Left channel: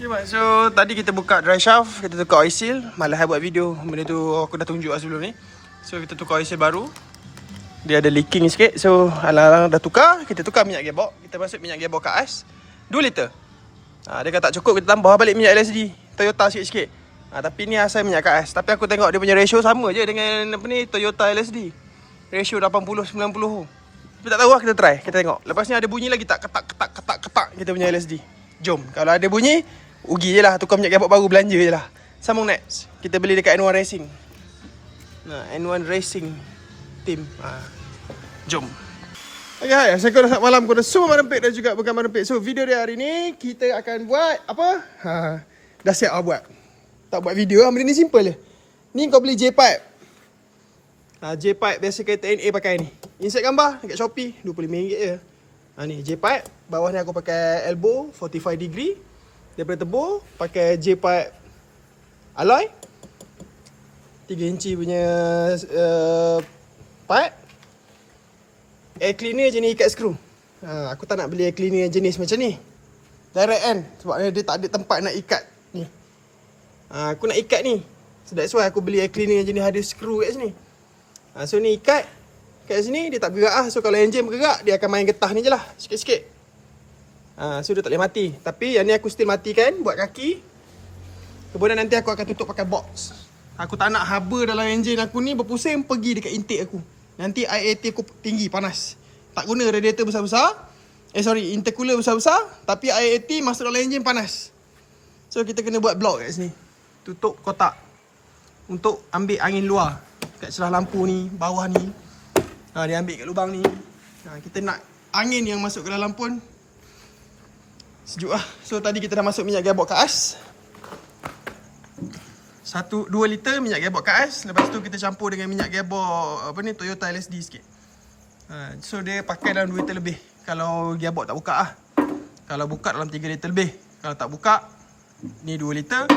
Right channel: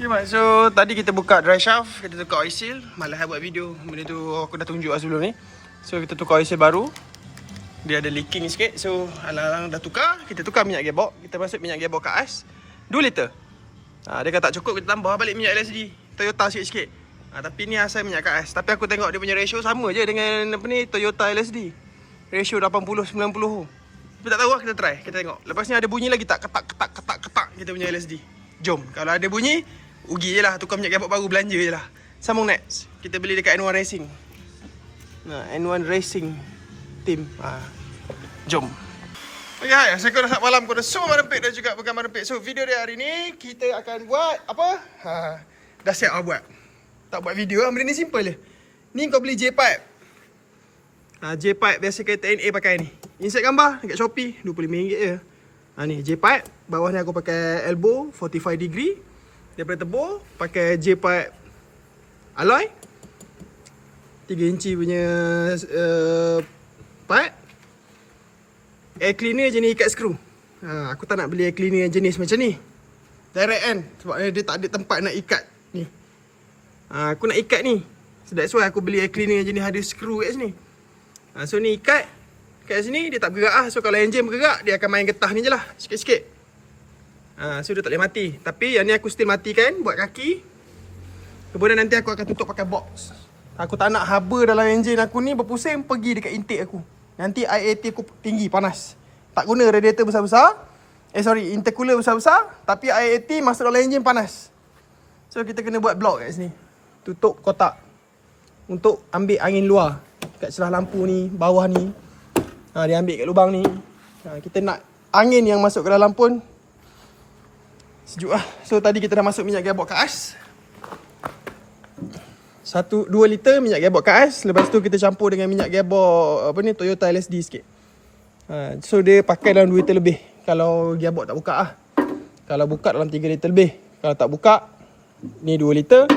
Okay, Mat. So, tadi kita buka dry shaft, kita tukar oil seal. Malah buat video. Benda tu aku dah tunjuk lah sebelum ni. So, kita tukar oil seal baru. Dia ada leaking sikit. So, alang-alang dah tukar. Kita tukar minyak gearbox. Kita masuk minyak gearbox kat as 2 liter. Dia kata tak cukup, kita tambah balik minyak LSD Toyota sikit-sikit. Tapi ni asal minyak kat as. Tapi aku tengok dia punya ratio sama je dengan apa ni, Toyota LSD. Ratio 80-90. Tapi tak tahu lah, kita try. Kita tengok. Lepas ni ada bunyi lagi tak? Ketak kita punya LSD. Jom. Kalau ada bunyi, rugi je lah. Tukar minyak gearbox baru, belanja je lah. Sambung next. Kita beli dekat N1 Racing. N1 Racing Team. Jom. Okay, hai. Assalamualaikum malam kepada semua merempit dan juga bukan merempit. So, video dia hari ni, kita akan buat apa? Dah siap lah buat. Tak buat video lah. Benda ni simple je. Ni kau beli J-pipe. J-pipe biasa kereta NA pakai ni. Insert gambar dekat Shopee. RM25 je. Ni J-pipe. Bawah ni aku pakai elbow 45 degree. Daripada tebur pakai J-pipe alloy 3 inci punya pipe. Air cleaner jenis ikat skru. Aku tak nak beli air cleaner jenis macam ni, direct kan. Sebab dia tak ada tempat nak ikat ni. Aku nak ikat ni. So that's why aku beli air cleaner jenis ada skru kat sini. So ni ikat kat sini, dia tak bergerak lah. So kalau enjin bergerak, dia akan main getah ni je lah, sikit-sikit. So dia tak boleh mati. Tapi yang ni aku still matikan buat kaki. Kemudian nanti aku akan tutup pakai box. Aku tak nak haba dalam enjin aku ni berpusing pergi dekat intake aku. Nanti IAT aku tinggi, panas. Tak guna radiator besar-besar. Intercooler besar-besar. Tapi IAT masuk dalam enjin panas. So kita kena buat block kat sini. Tutup kotak untuk ambil angin luar kat celah lampu ni, bawah ni. Dia ambil kat lubang ni. Kita nak angin yang masuk ke dalam pun sejuk lah. So tadi kita dah masuk minyak gearbox kat as 2 liter minyak gearbox kat as. Lepas tu kita campur dengan minyak gearbox Toyota LSD sikit. So dia pakai dalam 2 liter lebih kalau gearbox tak buka lah. Kalau buka dalam 3 liter lebih. Kalau tak buka, ni 2 liter.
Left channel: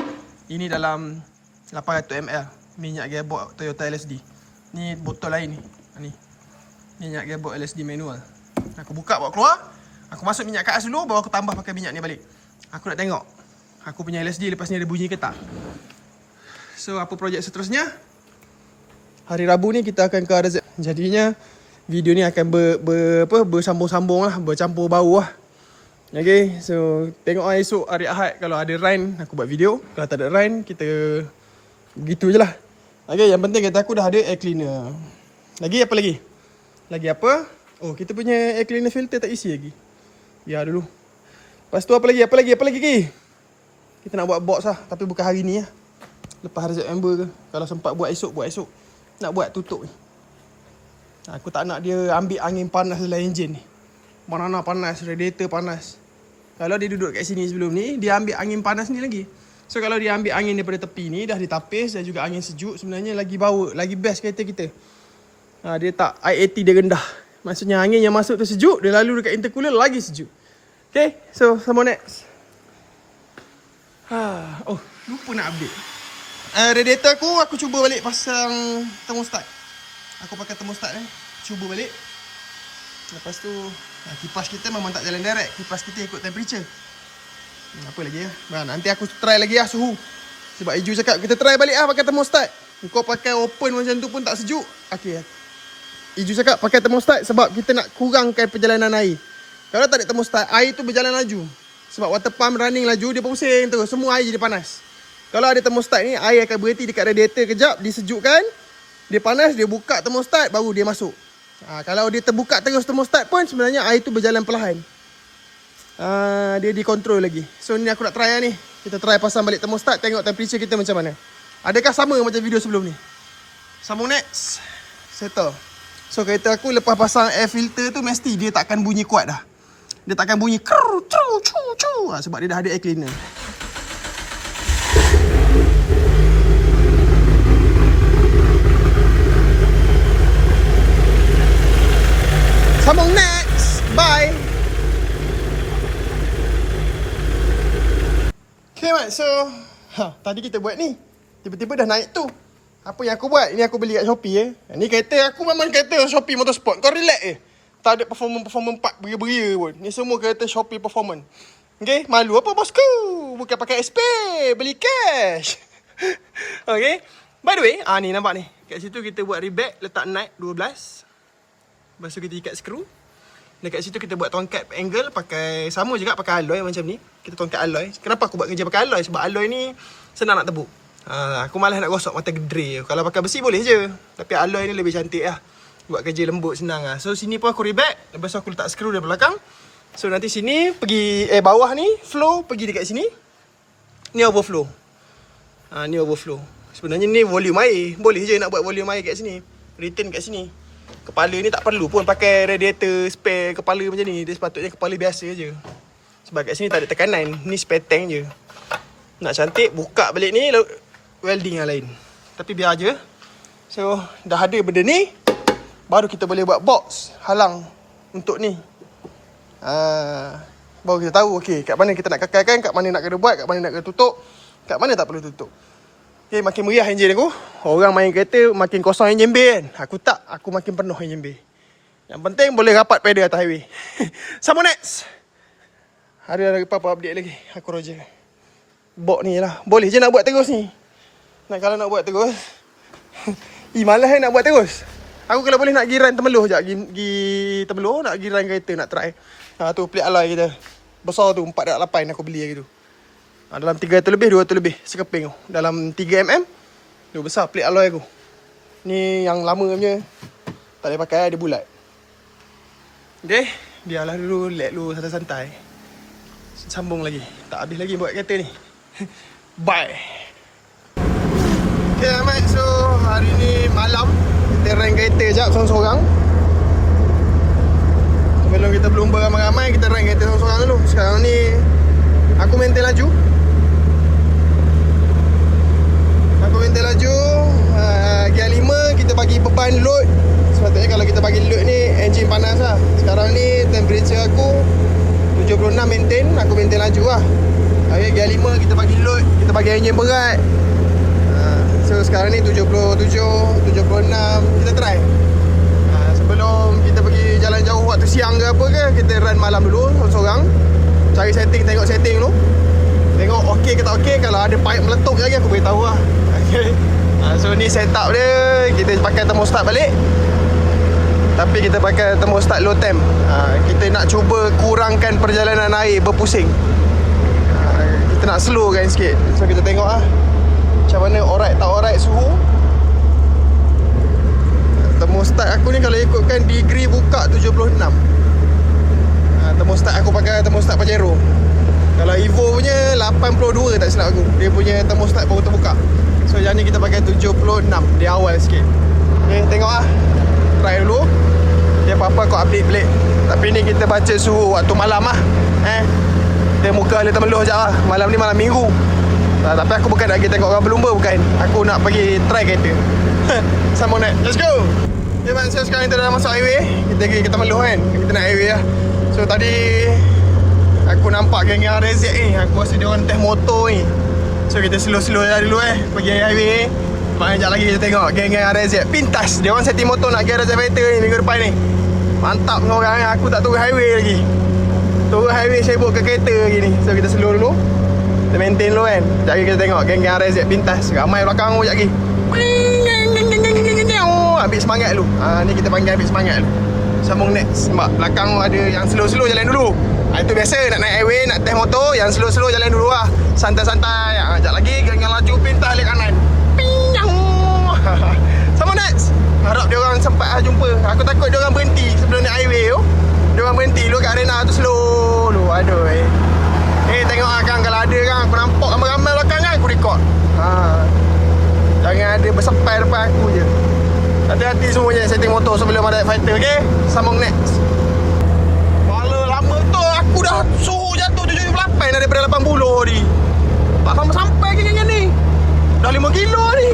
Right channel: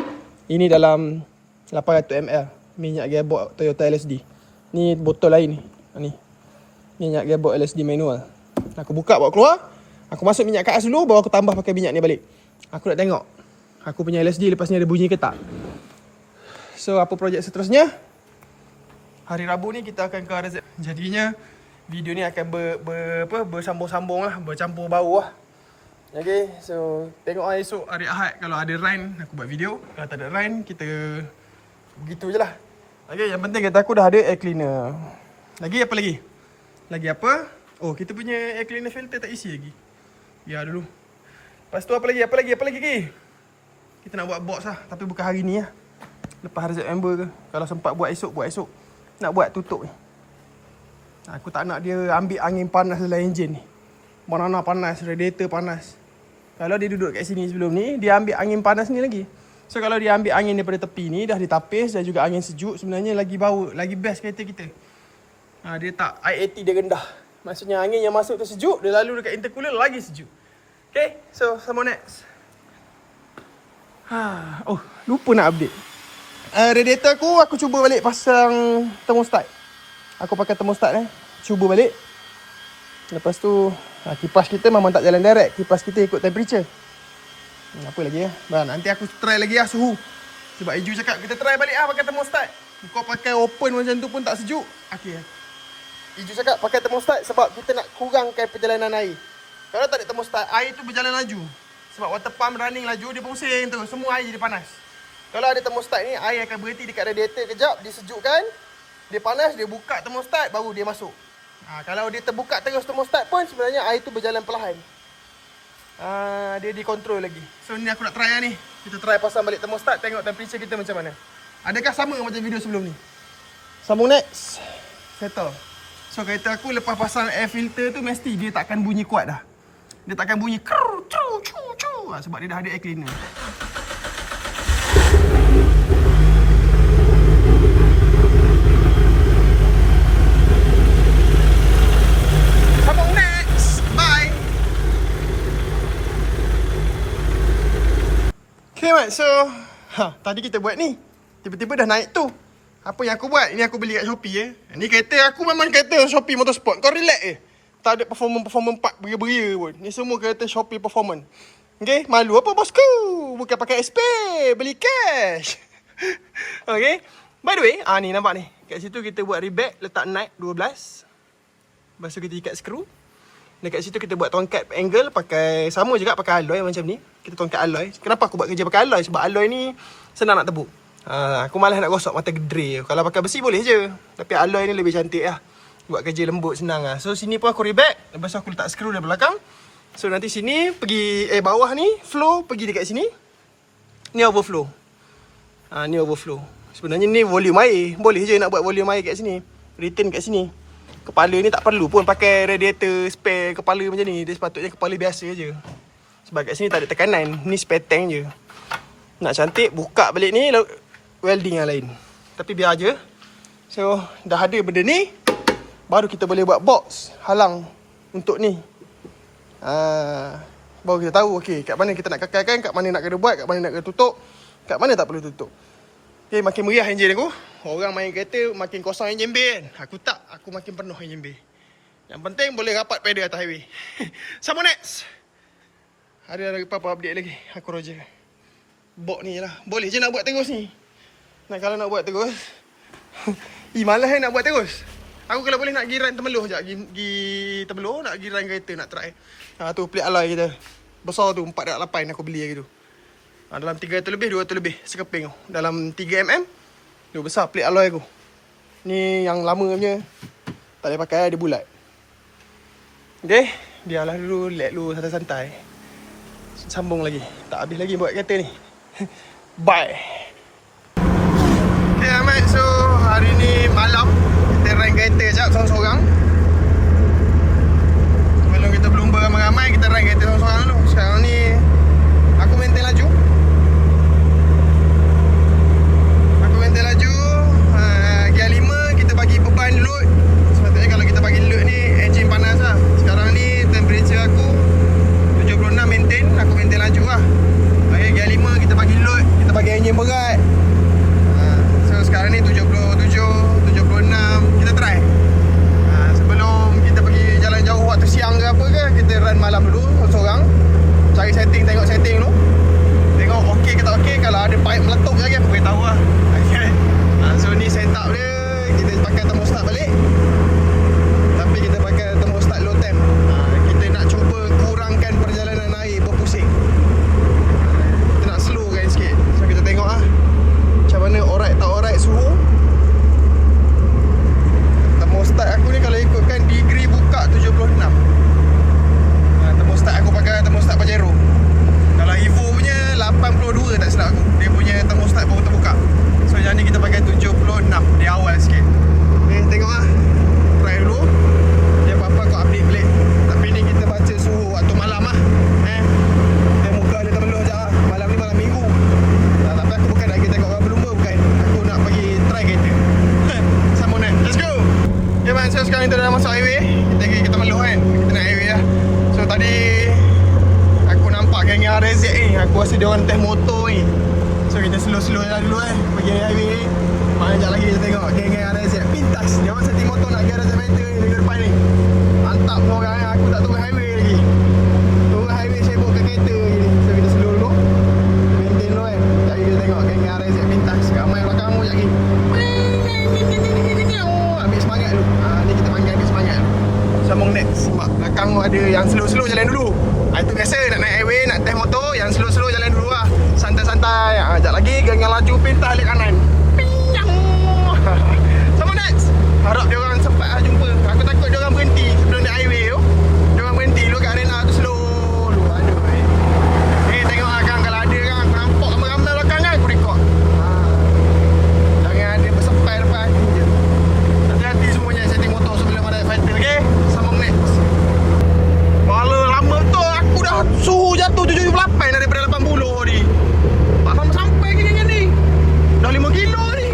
Ini dalam 800 ml minyak gearbox Toyota LSD. Ni botol lain ni. Minyak gearbox LSD manual. Aku buka bawa keluar. Aku masuk minyak kat as dulu, baru aku tambah pakai minyak ni balik. Aku nak tengok aku punya LSD lepas ni ada bunyi ke tak. So apa projek seterusnya? Hari Rabu ni kita akan ke RZ. Jadinya video ni akan bersambung-sambung lah, bercampur bau lah. Okay, so tengok esok hari Ahad kalau ada rain aku buat video. Kalau tak ada rain kita begitu je lah. Okay, yang penting kata aku dah ada air cleaner. Lagi apa lagi? Lagi apa? Oh, kita punya air cleaner filter tak isi lagi. Ya dulu. Lepas tu apa lagi? Kita nak buat box lah, tapi bukan hari ni lah. Lepas RZ member ke. Kalau sempat buat esok. Nak buat tutup ni. Aku tak nak dia ambil angin panas dalam enjin ni. Banana panas, radiator panas. Kalau dia duduk kat sini sebelum ni, dia ambil angin panas ni lagi. So kalau dia ambil angin daripada tepi ni, dah ditapis dan juga angin sejuk, sebenarnya lagi bau, lagi best kereta kita. Dia tak, IAT dia rendah. Maksudnya angin yang masuk tu sejuk, dia lalu dekat intercooler lagi sejuk. Okay, so sama next. Oh, lupa nak update. Radiator aku cuba balik pasang thermostat. Aku pakai thermostat cuba balik. Lepas tu kipas kita memang tak jalan direct. Kipas kita ikut temperature. Apa lagi nanti aku try lagi suhu. Sebab Iju cakap kita try balik pakai thermostat. Kau pakai open macam tu pun tak sejuk. Okay, Iju cakap pakai thermostat sebab kita nak kurangkan perjalanan air. Kalau tak ada thermostat, air tu berjalan laju. Sebab water pump running laju, dia pusing terus. Semua air jadi panas. Kalau ada thermostat ni, air akan berhenti dekat radiator kejap, disejukkan. Dia panas, dia buka thermostat, baru dia masuk. Kalau dia terbuka terus thermostat pun, sebenarnya air tu berjalan perlahan. Dia dikontrol lagi. So ni aku nak try ni. Kita try pasang balik thermostat, tengok temperature kita macam mana. Adakah sama macam video sebelum ni? Sambung next. Settle. So kereta aku lepas pasang air filter tu, mesti dia takkan bunyi kuat dah. Dia takkan bunyi sebab dia dah ada air cleaner. Sambung next. Bye. Okay, Mat. So tadi kita buat ni, tiba-tiba dah naik tu. Apa yang aku buat? Ini aku beli kat Shopee Ni kereta aku memang kereta Shopee Motorsport. Kau relax Tak ada performance part beria-beria pun. Ni semua kereta Shopee Performance. Okay, malu apa bosku? Bukan pakai SP, beli cash. Okay, by the way, ni nampak ni. Kat situ kita buat rebag, letak nut 12. Lepas tu kita ikat skru. Dekat situ kita buat tongkat angle pakai sama juga pakai alloy macam ni. Kita tongkat alloy. Kenapa aku buat kerja pakai alloy? Sebab alloy ni senang nak tebuk. Aku malas nak gosok mata gedre. Kalau pakai besi boleh je. Tapi alloy ni lebih cantik lah. Buat kerja lembut senang lah. So sini pun aku rebag. Lepas tu aku letak skru dari belakang. So nanti sini pergi bawah ni flow pergi dekat sini. Ni overflow. Ni overflow. Sebenarnya ni volume air. Boleh je nak buat volume air kat sini. Return kat sini. Kepala ni tak perlu pun pakai radiator spare kepala macam ni. Dia sepatutnya kepala biasa je. Sebab kat sini tak ada tekanan. Ni spare tank je. Nak cantik buka balik ni welding yang lain. Tapi biar je. So dah ada benda ni. Baru kita boleh buat box halang untuk ni. Baru kita tahu okey kat mana kita nak kekalkan, kat mana nak kena buat, kat mana nak kena tutup, kat mana tak perlu tutup. Okay, makin meriah enjin aku. Orang main kereta makin kosong enjin bay kan. Aku tak, aku makin penuh enjin bay. Yang penting boleh rapat pedal atas highway. Sama next. Ada apa-apa update lagi. Aku Roger. Bok ni lah. Boleh je nak buat terus ni. Nah kalau nak buat terus. Malas nak buat terus. Aku kalau boleh nak giran Temeloh sekejap. Gi Temeloh nak giran kereta nak try. Tu plate alloy kita. Besar tu 4.8 aku beli lagi tu. Dalam 300 lebih, 200 lebih sekeping tu. Dalam 3mm. Dia besar plate alloy aku. Ni yang lama punya. Tak boleh pakai, dia bulat. Okay. Biarlah dulu, let dulu santai-santai. Sambung lagi. Tak habis lagi buat kereta ni. Bye. Okay Ahmad, so hari ni malam. Kita rank kereta sekejap seorang-seorang. Sebelum kita berlumba ramai-ramai, kita rank kereta seorang-seorang dulu. Sekarang ni aku maintain laju. Gear 5 kita bagi beban load. Sepatutnya kalau kita bagi load ni enjin panas lah. Sekarang ni temperature aku 76 maintain. Aku maintain laju lah. Gear 5 kita bagi load, kita bagi enjin berat. So sekarang ni 77, 76. Kita try. Sebelum kita pergi jalan jauh waktu siang ke apa ke, kita run malam dulu seorang. Cari setting, tengok setting dulu. Tengok okey ke tak okey. Kalau ada pipe meletup lagi aku beritahu lah. Okay. So ni setup dia. Kita pakai thermostat balik. Tapi kita pakai thermostat low temp. Kita nak cuba kurangkan perjalanan air berpusing. Kita nak slowkan sikit. So kita tengok lah macam mana alright tak alright suhu. Thermostat aku ni kalau ikutkan degree buka 76. Thermostat aku pakai thermostat Pajero. Kalau Evo punya 82 tak silap aku. Dia punya thermostat baru terbuka. So yang ni kita pakai 76 di awal sikit. Okay, tengok lah. Try dulu. Dia apa-apa kau update balik. Tapi ni kita baca suhu waktu malam lah. Dia muka dia Temeloh sekejap lah. Malam ni malam minggu. Tapi aku bukan nak pergi tengok orang berlumba, bukan. Aku nak pergi try kereta. Sama naik. Let's go. Okay man, so sekarang kita dah masuk highway. Kita pergi ke Temeloh kan. Kita nak highway lah. So tadi aku nampak geng-geng RZ ni. Aku rasa dia orang test motor ni. So kita slow-slow lah dulu pergi highway. Maknanya sekejap lagi kita tengok geng-geng RZ pintas. Dia orang setting motor nak pergi RZ Fighter ni minggu depan ni. Mantap orang ni. Aku tak turun highway lagi. Turun highway sibuk ke kereta lagi ni. So kita slow dulu. Kita maintain dulu kan. Sekejap lagi kita tengok geng-geng RZ pintas. Ramai belakang aku sekejap lagi. Habis semangat dulu. Ni kita panggil habis semangat dulu. Sambung next. Sebab belakang ada yang slow-slow jalan dulu. Itu biasa nak naik highway, nak test motor. Yang slow-slow jalan dulu lah. Santai-santai. Sekejap lagi geng yang laju pintas balik kanan. Pinyang. Sama next. Harap dia orang sempat jumpa. Aku takut dia orang berhenti sebelum naik highway tu. Dia orang berhenti dulu kat arena tu slow dulu. Aduh tengok lah kan. Kalau ada kan aku nampak ramai-ramai belakang kan, aku record. Jangan ada bersepai depan aku je. Hati-hati semuanya setting motor sebelum ada fighter. Okay, sambung next. Malah lama tu aku dah suhu jatuh 78 daripada 80 tadi. Tak sampai-sampai gini ni. Dah 5 kilo ni.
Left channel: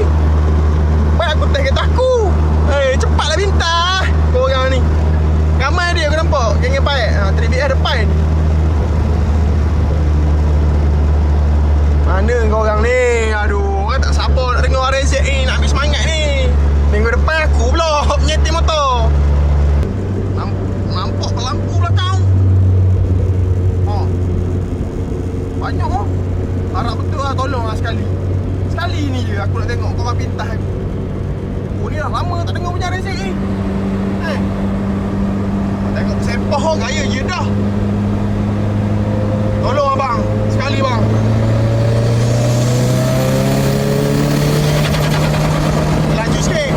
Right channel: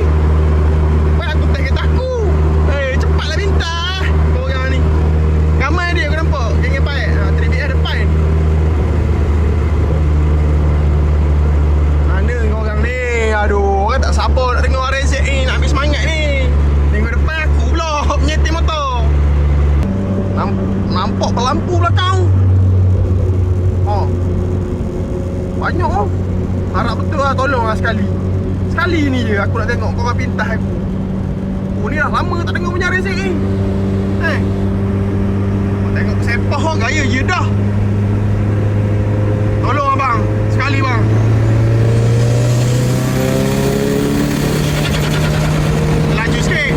Baik aku test kereta aku. Cepatlah bintang korang ni. Ramai dia aku nampak. Geng-geng paik. 3BR depan. Harap betul lah, tolong lah sekali. Sekali ni je aku nak tengok korang pintas aku. Oh ni dah lama tak tengok punya resek ni. Tengok sepah oh, gaya je dah. Tolong abang, sekali bang. Laju sikit.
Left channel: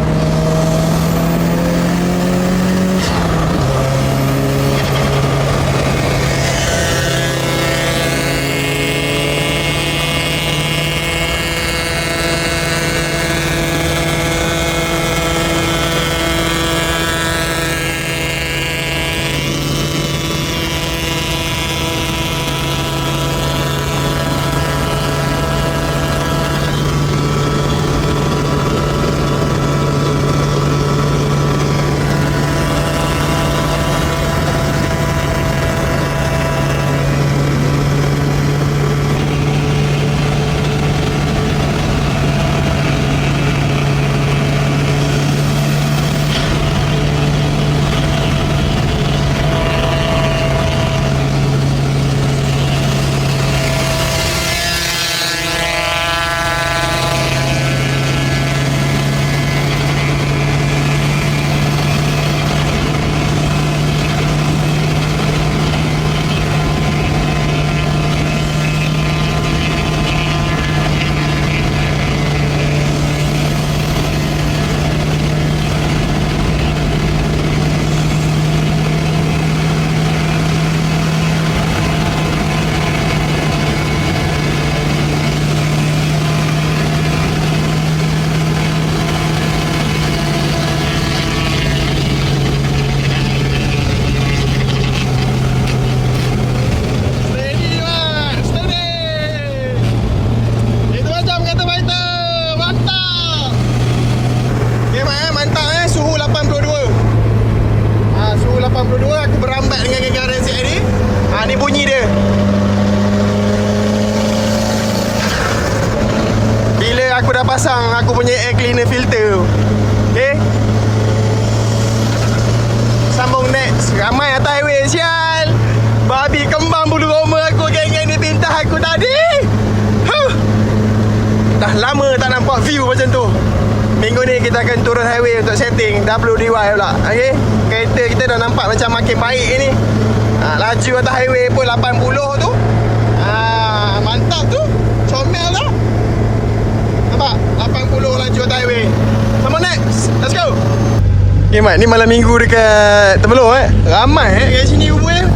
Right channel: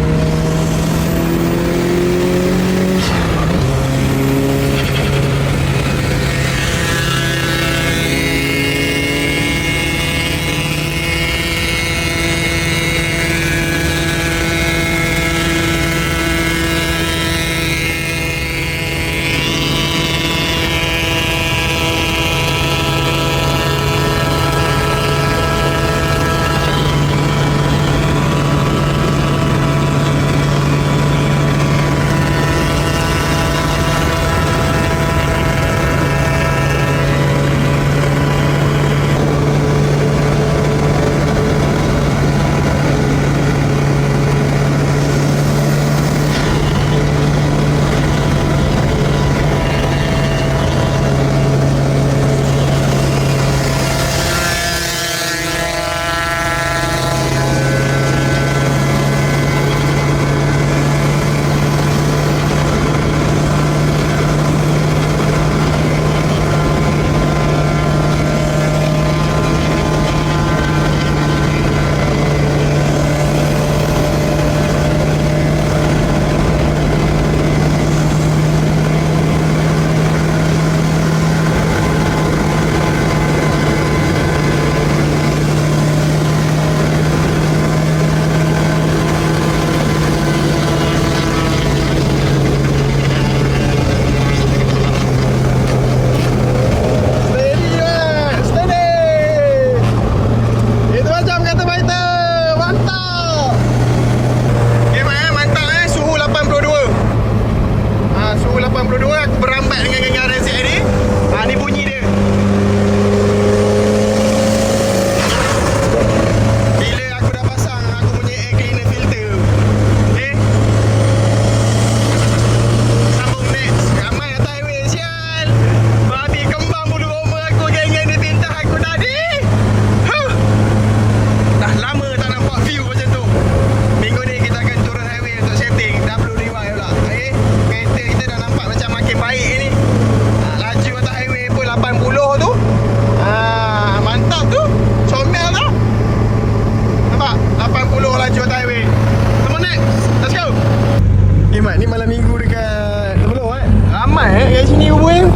Mat, ni malam minggu dekat Temelor ramai kat sini rupanya.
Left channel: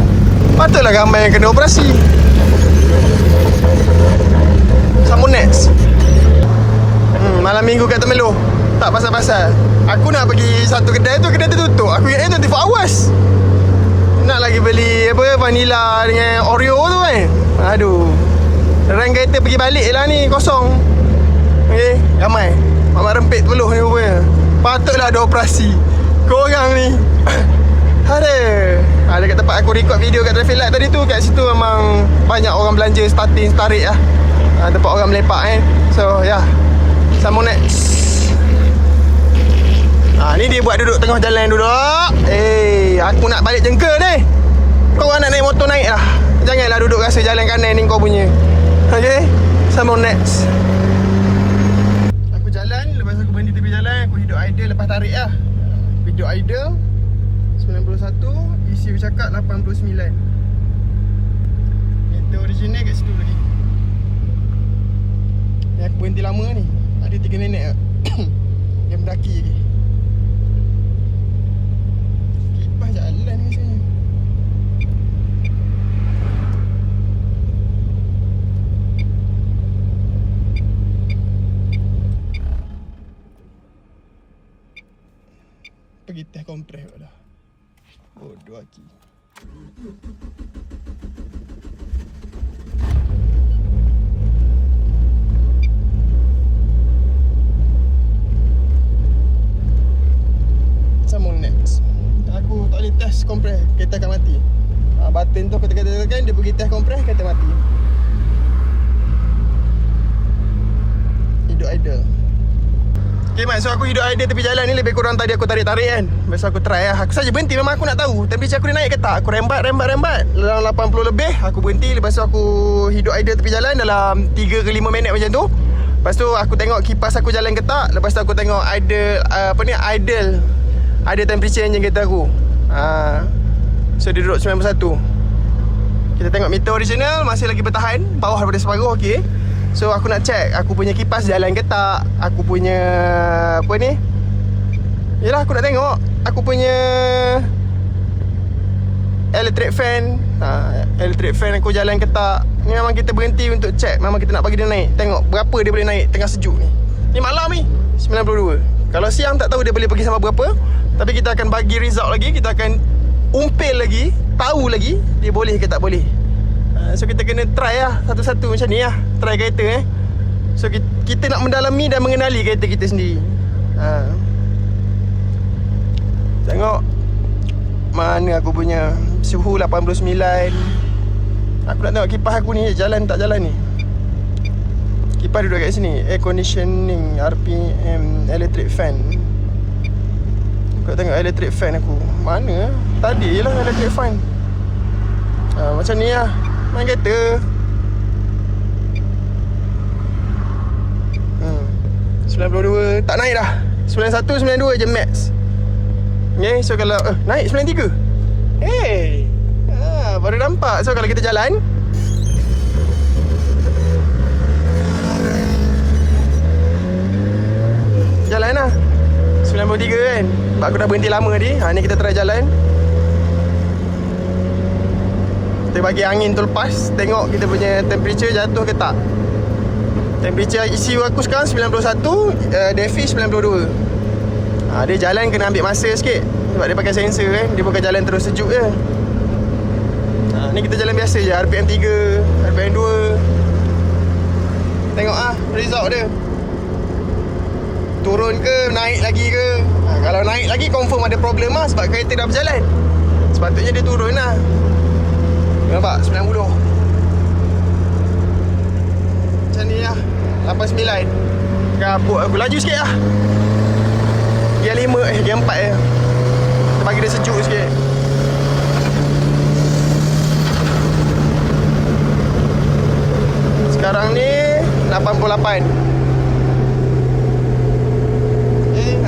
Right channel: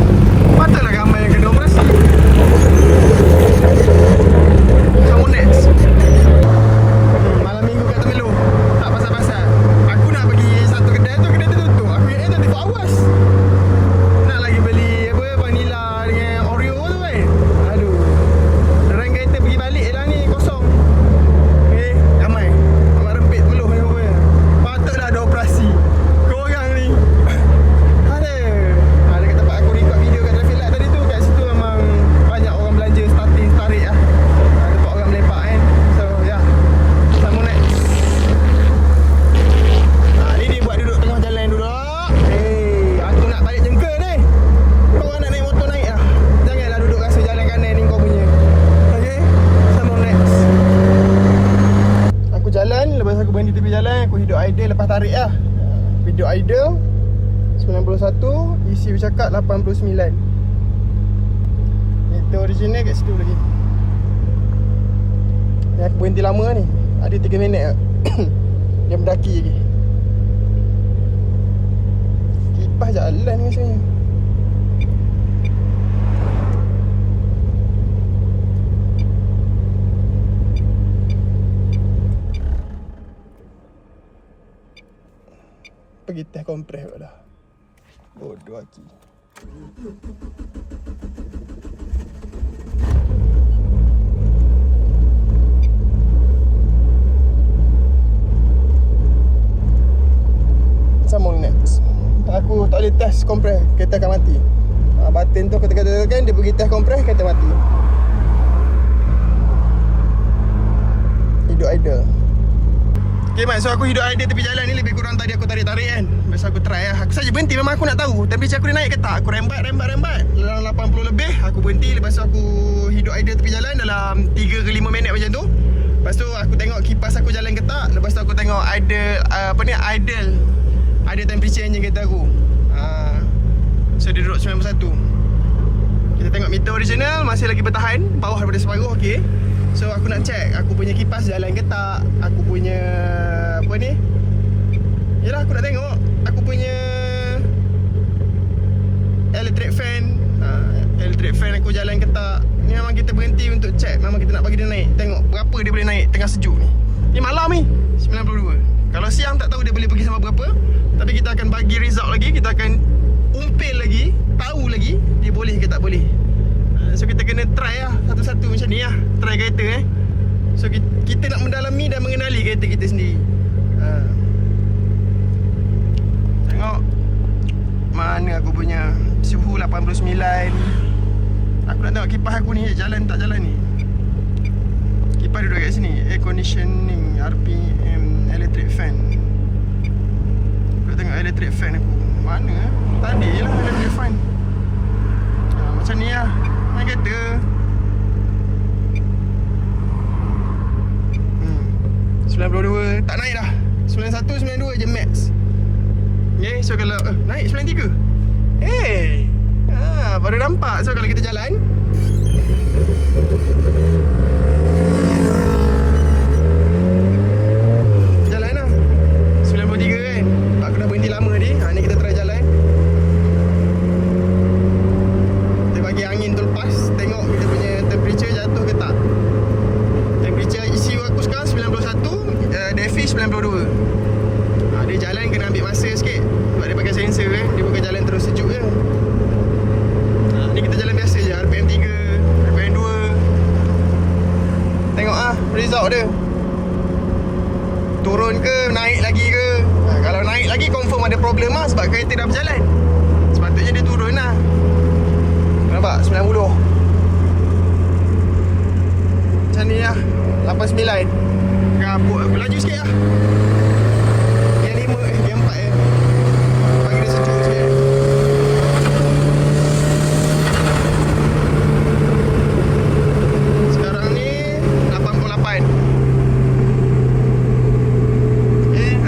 Patutlah ramai yang kena operasi. Sambung next. Malam minggu kat Temelor. Tak pasal-pasal. Aku nak pergi satu kedai tu tutup. Aku ingat 24 hours. Nak lagi beli apa, vanilla dengan Oreo tu kan. Aduh. Orang kereta pergi balik lah ni, kosong. Okay, ramai. Mak rempit Temelor ni rupanya. Patutlah ada operasi. Korang ni ada kat tempat aku record video kat traffic light tadi tu. Kat situ memang banyak orang belanja starting tarik lah. Tempat orang melepak So ya, sambung next. Ni dia buat duduk tengah jalan duduk. Aku nak balik jengka ni. Korang nak naik motor naik lah. Janganlah duduk rasa jalan kanan ni kau punya. Okay, sambung next. Aku jalan, lepas aku berhenti tepi jalan, aku hidup idle lepas tarik lah. Video idle 91, ECU cakap 89. Meter original kat situ lagi. Ni aku berhenti lama ni. Ada 3 minit lah. Dia mendaki lagi. Kipas jalan ni rasanya. Pergi test kompres pula dah. Bodoh lagi. Sambung next. Aku tak boleh test kompres, kereta akan mati. Button tu ketika-ketika dia pergi test kompres, kereta mati. Hidup idle. Okay Mat, so aku hidup idea tepi jalan ni lebih kurang tadi aku tarik-tarik kan. Lepas tu aku try lah. Aku saja berhenti, memang aku nak tahu temperature aku ni naik ke tak. Aku rembat dalam 80 lebih. Aku berhenti, lepas tu aku hidup idea tepi jalan dalam 3 ke 5 minit macam tu. Lepas tu aku tengok kipas aku jalan ke tak. Lepas tu aku tengok idle temperature engine kereta aku. So dia duduk 91. Kita tengok meter original masih lagi bertahan, bawah daripada separuh. Okay. So aku nak check aku punya kipas jalan ke tak. Aku punya yelah, aku nak tengok aku punya electric fan aku jalan ke tak. Ni memang kita berhenti untuk check. Memang kita nak bagi dia naik. Tengok berapa dia boleh naik tengah sejuk ni. Ni malam ni 92. Kalau siang tak tahu dia boleh pergi sampai berapa. Tapi kita akan bagi result lagi. Kita akan umpil lagi, tahu lagi dia boleh ke tak boleh. So kita kena try lah satu-satu macam ni lah. Try kereta So kita nak mendalami dan mengenali kereta kita sendiri. Tengok mana aku punya suhu 89. Aku nak tengok kipas aku ni jalan tak jalan ni. Kipas duduk kat sini. Air conditioning, RPM, electric fan. Aku nak tengok electric fan aku. Mana? Tadi lah electric fan. Macam ni lah main kereta. 92 tak naik dah. 91, 92 je max. Okay, so kalau naik 93. Baru nampak. So kalau kita jalan lah 93 kan. Sebab aku dah berhenti lama ni. Ni kita try jalan. Kita bagi angin tu lepas. Tengok kita punya temperature jatuh ke tak. Temperature ECU aku sekarang 91, DFI 92. Dia jalan kena ambil masa sikit. Sebab dia pakai sensor Dia bukan jalan terus sejuk je. Ni kita jalan biasa je. RPM 3, RPM 2. Tengok result dia. Turun ke, naik lagi ke. Kalau naik lagi confirm ada problem sebab kereta dah berjalan. Sepatutnya dia turun lah. Nampak 90. Macam ni lah 89. Gabut aku, laju sikit lah. Gear 5, gear 4 je. Bagi dia sejuk sikit. Sekarang ni 88.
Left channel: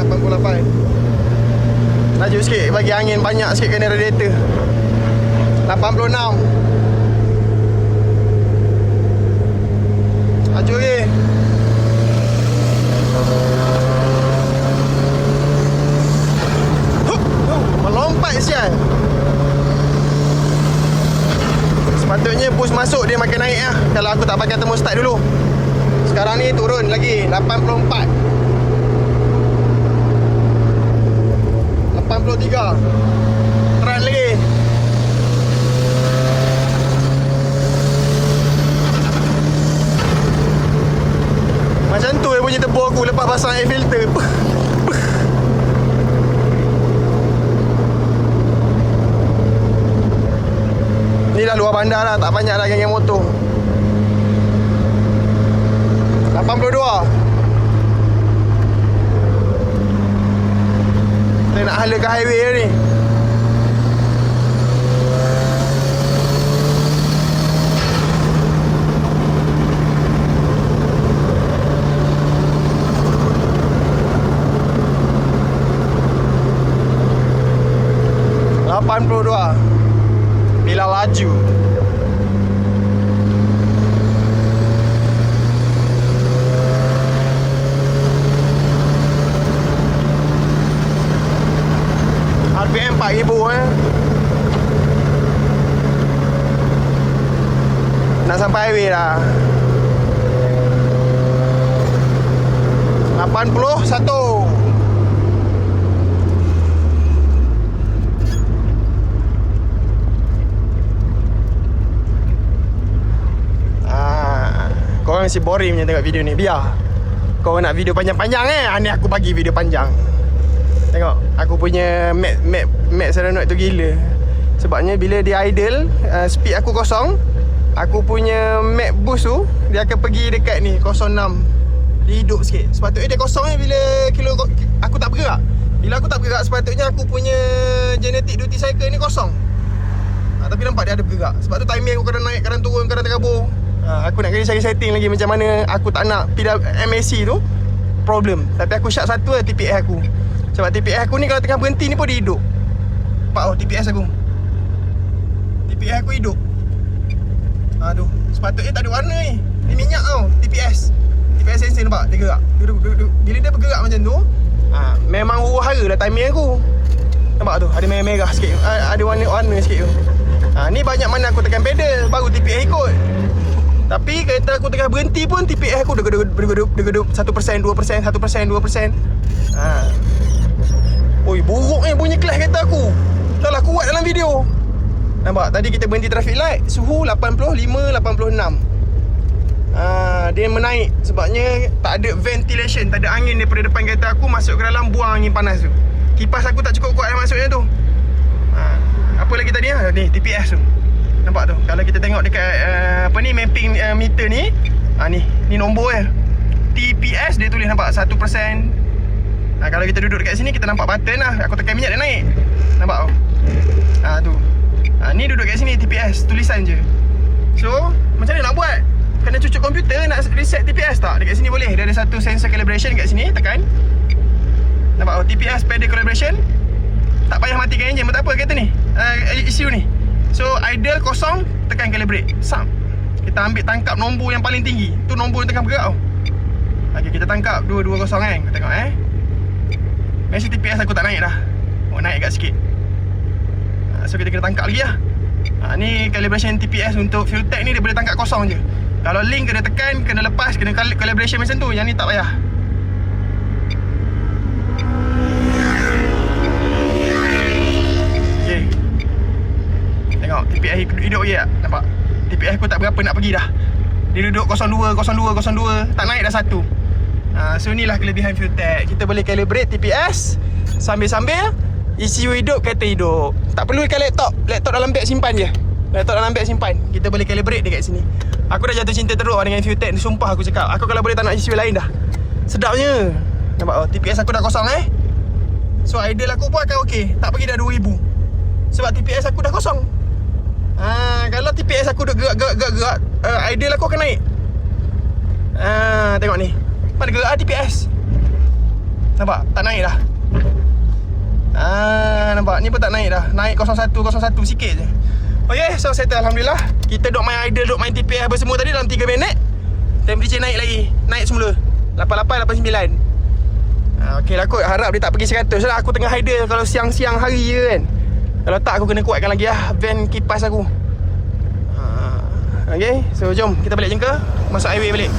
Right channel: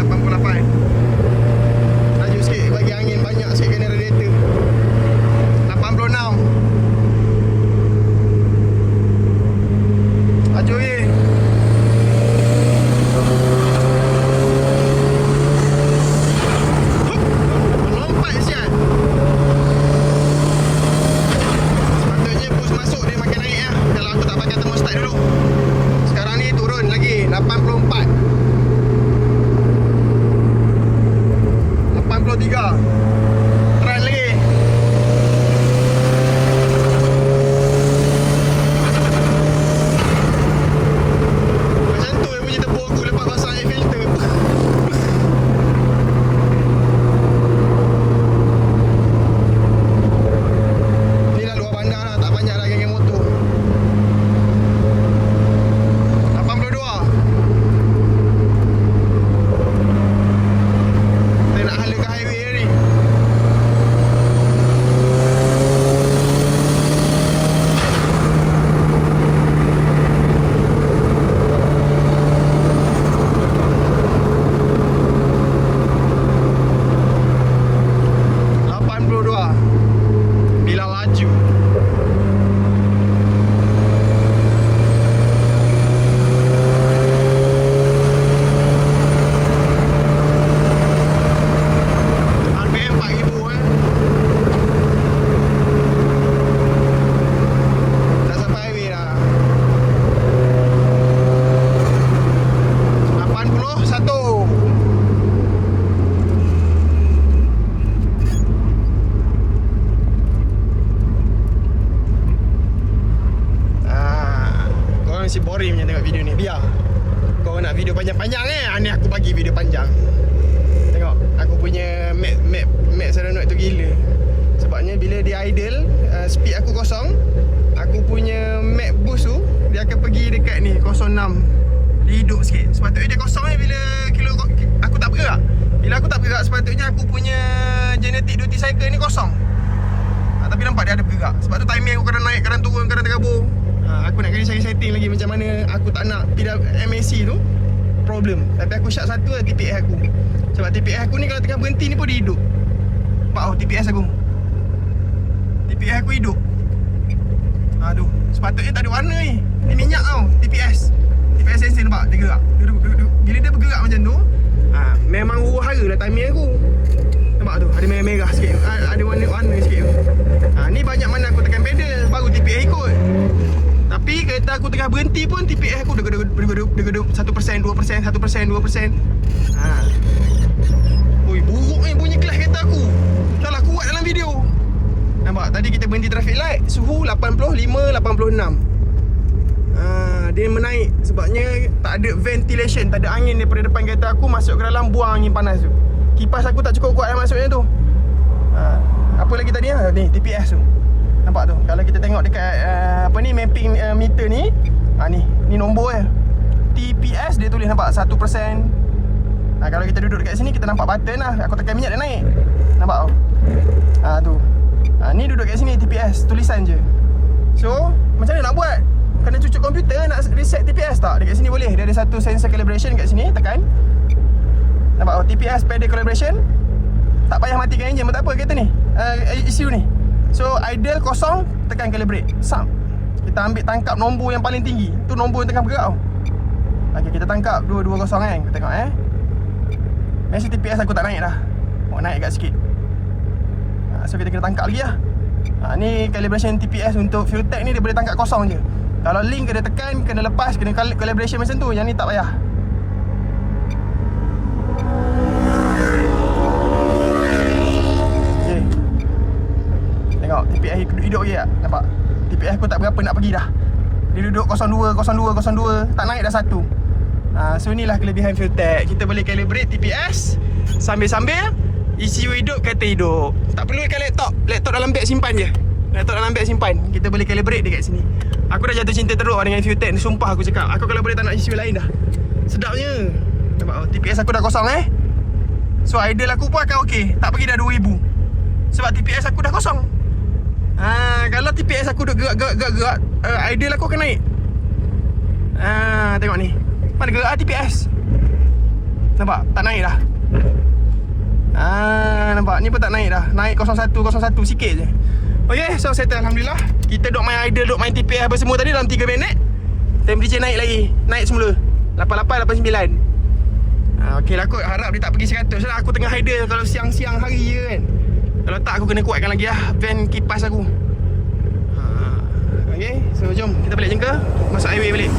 88. Laju sikit, bagi angin banyak sikit kena radiator. 86. Laju lagi. Melompat sial. Sepatutnya push masuk dia makin naik lah. Kalau aku tak pakai thermostat dulu. Sekarang ni turun lagi 84. 83. Run lagi. Macam tu dia bunyi tebu aku lepas pasang air filter. Ni dah luar bandar lah, tak banyak lah geng-geng motor. 82. Saya nak hala ke highway ni. Bila laju RPM 4000 nak sampai highway dah. 81. Masih boring je tengok video ni. Biar kau nak video panjang-panjang ni aku bagi video panjang. Tengok aku punya Max Serenade tu gila. Sebabnya bila dia idle, speed aku kosong, aku punya Max boost tu dia akan pergi dekat ni 06. Dia hidup sikit. Sepatutnya dia kosong ni bila kilo aku tak bergerak. Bila aku tak bergerak, sepatutnya aku punya genetic duty cycle ni kosong. Tapi nampak dia ada bergerak. Sebab tu timing aku kadang naik, kadang turun, kadang terkabur. Aku nak cari setting lagi macam mana aku tak nak MAC tu problem. Tapi aku syak satu lah TPS aku. Sebab TPS aku ni kalau tengah berhenti ni pun dia hidup. Nampak tau TPS aku. TPS aku hidup. Tu sepatutnya tak ada warna ni. Ni minyak tau TPS. TPS sensor nampak dia gerak. Bila dia bergerak macam tu, memang huru-hara lah timing aku. Nampak tu ada merah-merah sikit. Ada warna-warna sikit tu. Ni banyak mana aku tekan pedal baru TPS ikut. Tapi kereta aku tengah berhenti pun TPS aku degup 1%, 2%, 1%, 2%. Oi, buruknya bunyi kelas kereta aku. Dah lah kuat dalam video. Nampak tadi kita berhenti traffic light, suhu 85, 86. Dia menaik sebabnya tak ada ventilation, tak ada angin daripada depan kereta aku masuk ke dalam, buang angin panas tu. Kipas aku tak cukup kuat masuknya tu. Apa lagi tadi ni TPS tu. Nampak tu. Kalau kita tengok dekat mapping meter ni, ni nombor dia. TPS dia tulis nampak 1%. Kalau kita duduk dekat sini kita nampak button lah. Aku tekan minyak dia naik. Nampak tu. Tu. Ni duduk kat sini TPS tulisan je. So, macam mana nak buat? Kena cucuk komputer nak reset TPS tak? Dekat sini boleh. Dia ada satu sensor calibration kat sini, tekan. Nampak TPS pedal calibration. Tak payah matikan enjin pun tak apa kereta ni. ECU ni. So idle kosong, tekan calibrate. Sam. Kita ambil tangkap nombor yang paling tinggi. Tu nombor yang tengah bergerak tau. Okey, kita tangkap 220 kan. Kita tengok Mesti TPS aku tak naik dah. Naik kat sikit. So kita kena tangkap lagi lah. Ni calibration TPS untuk fuel tank ni dia boleh tangkap kosong je. Kalau link kena tekan, kena lepas, kena calibration macam tu. Yang ni tak payah. Okay. Tengok TPS hidup lagi tak? Nampak? TPS aku tak berapa nak pergi dah. Dia duduk 02, 02, 02. Tak naik dah 1. So inilah kelebihan fuel tank. Kita boleh calibrate TPS sambil-sambil ECU hidup, kereta hidup. Tak perlu ikan laptop. Laptop dalam beg simpan je. Laptop dalam beg simpan. Kita boleh calibrate dekat sini. Aku dah jatuh cinta teruk dengan fuel tank. Sumpah aku cakap. Aku kalau boleh tak nak ECU lain dah. Sedapnya. Nampak TPS aku dah kosong So idle aku pun akan okey. Tak pergi dah 2000. Sebab TPS aku dah kosong. Kalau TPS aku dah gerak, idle aku akan naik. Tengok ni. Mana gerak TPS? Nampak? Tak naik dah. Nampak? Ni pun tak naik dah. Naik 01, 01 sikit je. Okay, so settle Alhamdulillah. Kita duk main idle, duk main TPS apa semua tadi dalam 3 minit. Temperature naik lagi. Naik semula 88, 89. Okay lah kot. Harap dia tak pergi 100 lah. Aku tengah idle kalau siang-siang hari je kan. Kalau tak aku kena kuatkan lagi lah van kipas aku. Okay, so jom kita balik jengka. Masuk highway balik.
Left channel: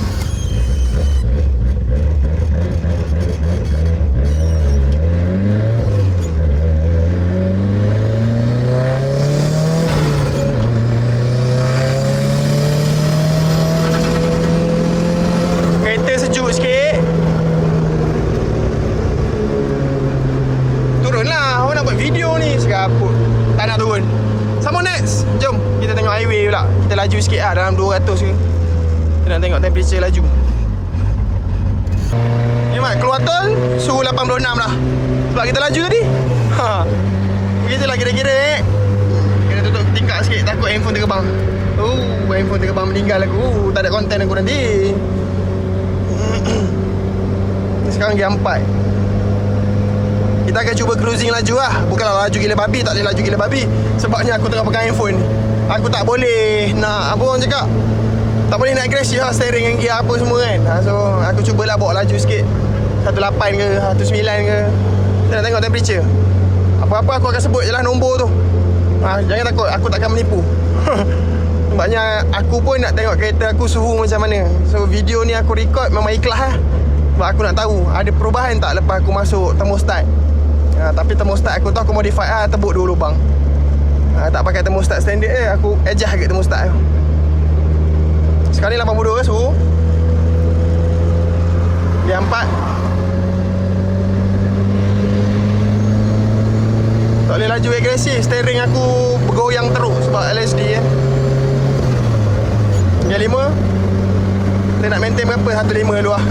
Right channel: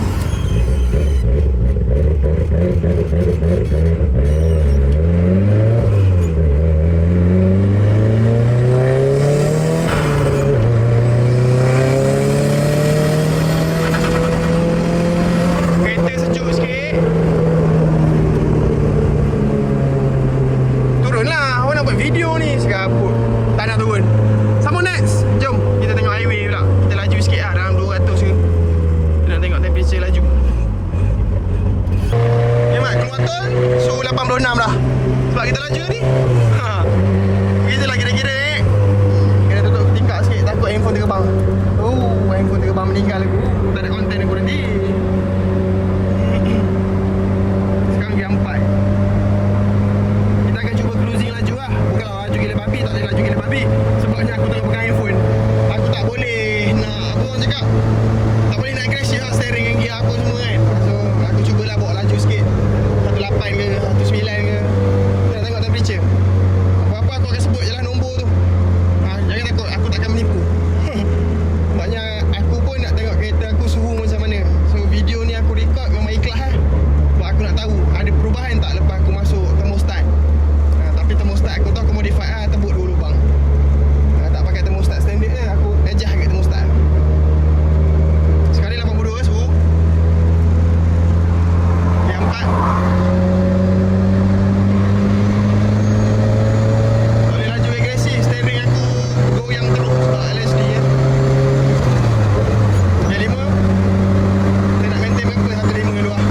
Kereta sejuk sikit. Turunlah. Awak nak buat video ni. Segaput. Tak nak turun. Sambung next. Jom kita tengok highway pula. Kita laju sikit lah. Dalam 200 ke. Kita nak tengok temperature laju. Mat, keluar tol suhu 86 dah. Sebab kita laju tadi. Kita lah kira-kira kena tutup tingkap sikit. Takut handphone terbang. Handphone terbang meninggal aku. Tak ada konten aku nanti. Sekarang jam 4. Kita akan cuba cruising laju lah. Bukanlah laju gila babi. Tak boleh laju gila babi. Sebabnya aku tengah pegang handphone. Aku tak boleh nak, apa orang cakap, tak boleh nak agresif lah steering yang gear apa semua kan. So aku cubalah bawa laju sikit. 18 ke 19 ke. Kita nak tengok temperature. Apa-apa aku akan sebut je lah nombor tu. Jangan takut, aku takkan menipu. Sebabnya aku pun nak tengok kereta aku suhu macam mana. So video ni aku record memang ikhlas lah. Sebab aku nak tahu ada perubahan tak lepas aku masuk thermostat. Tapi thermostat aku tu aku modify lah. Tebuk 2 lubang. Tak pakai thermostat standard aku adjust kat thermostat. Sekarang ni 82 ke suhu. Dia 4. Tak boleh laju agresif. Steering aku bergoyang teruk sebab LSD Dia 5. Kita nak maintain berapa? 1.5 luar.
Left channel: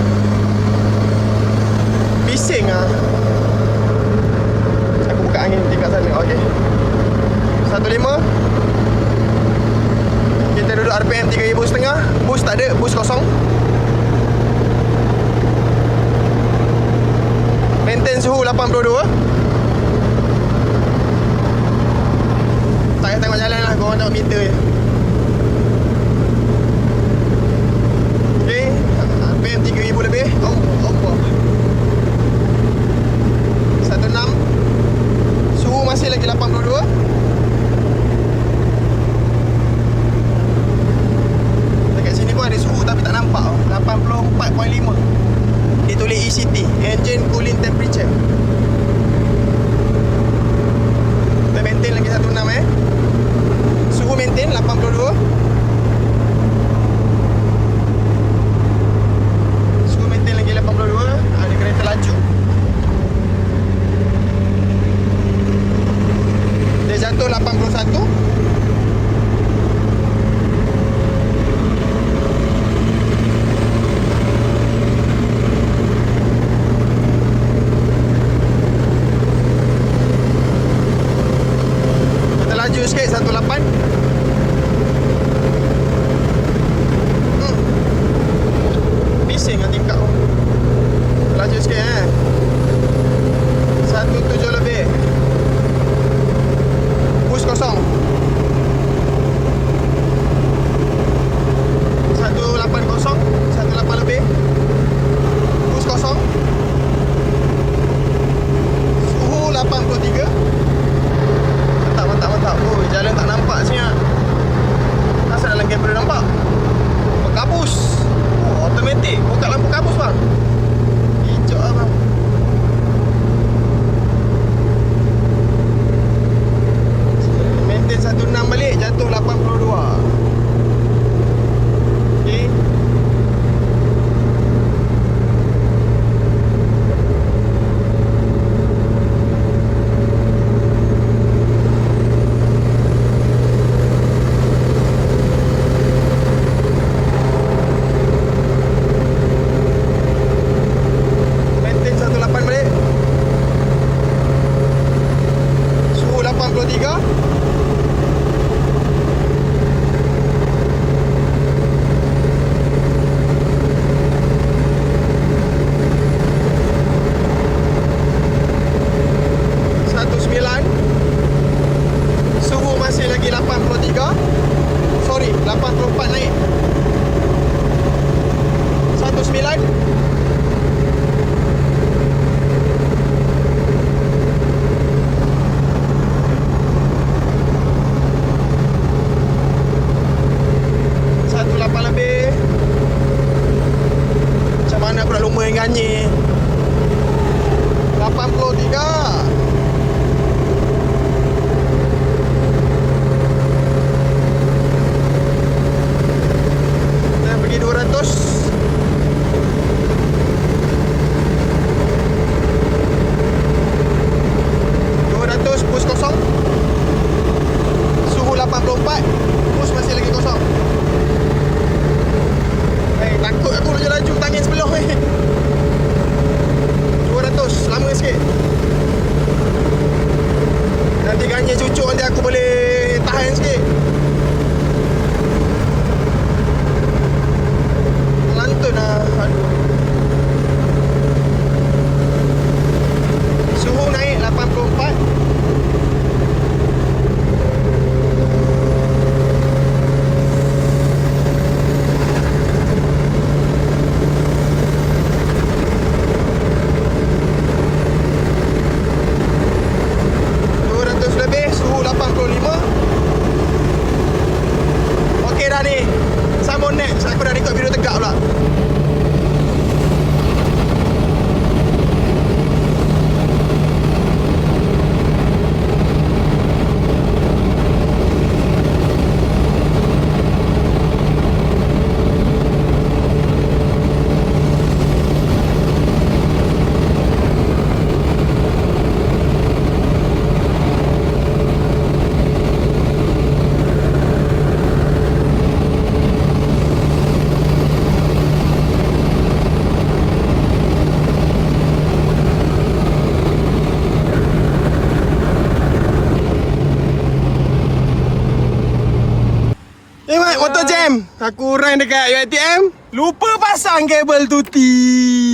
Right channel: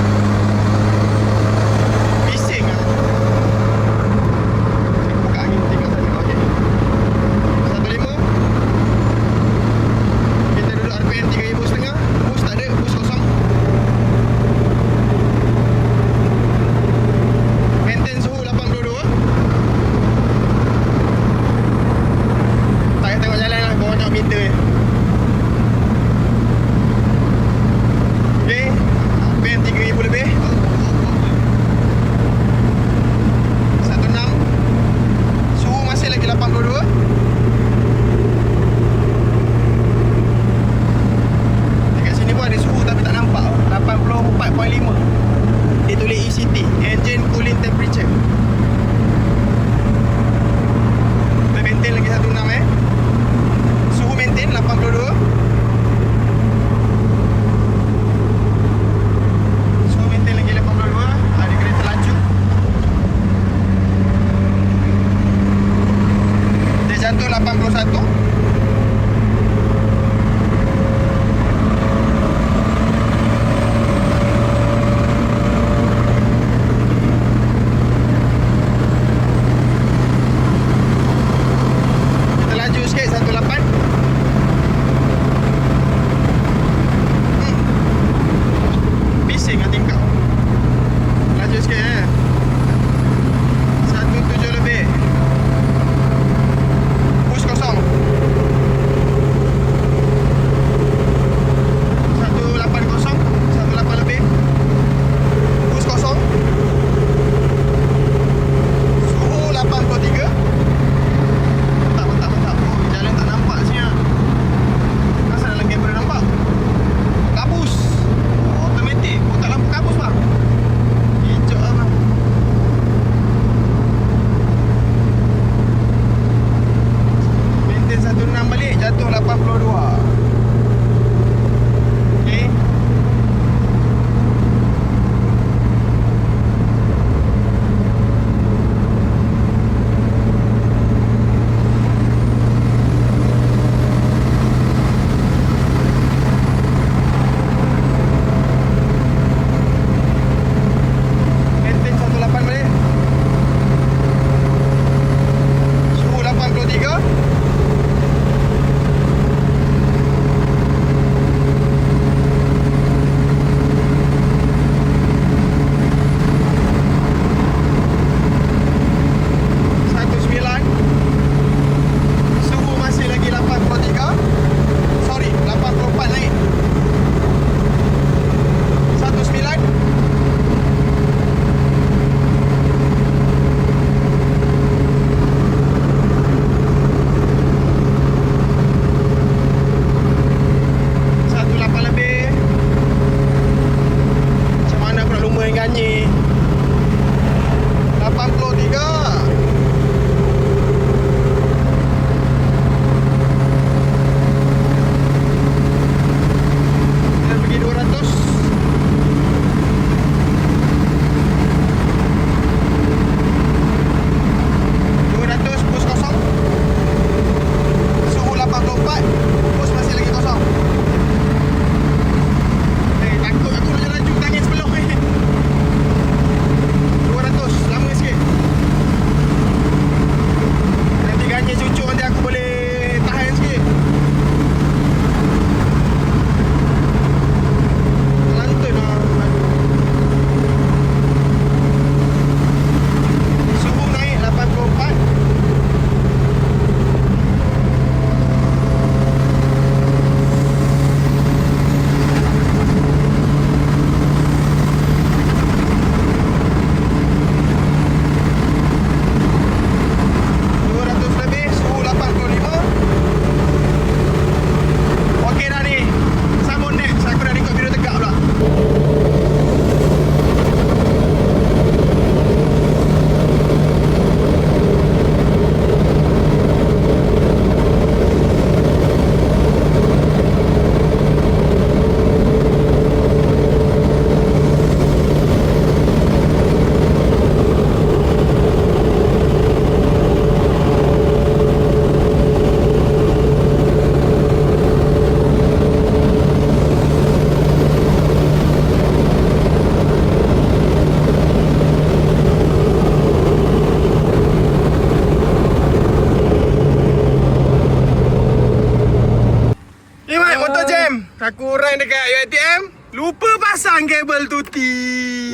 pasang kabel tuti.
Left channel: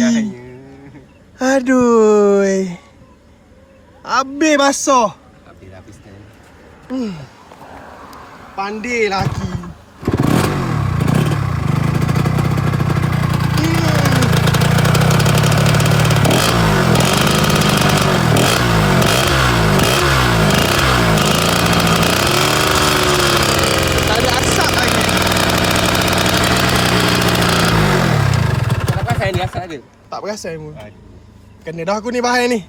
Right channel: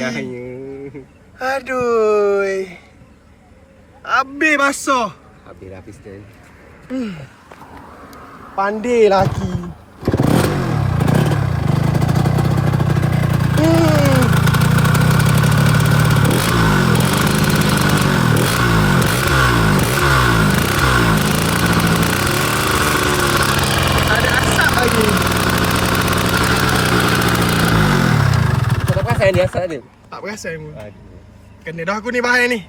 Nyanya. Aduh. Habis basuh. Habislah piston. Pandai laki. Ada asap lagi. Kenapa saya ni asal ada? Tak perasan pun. Kena dah aku ni bahaya ni.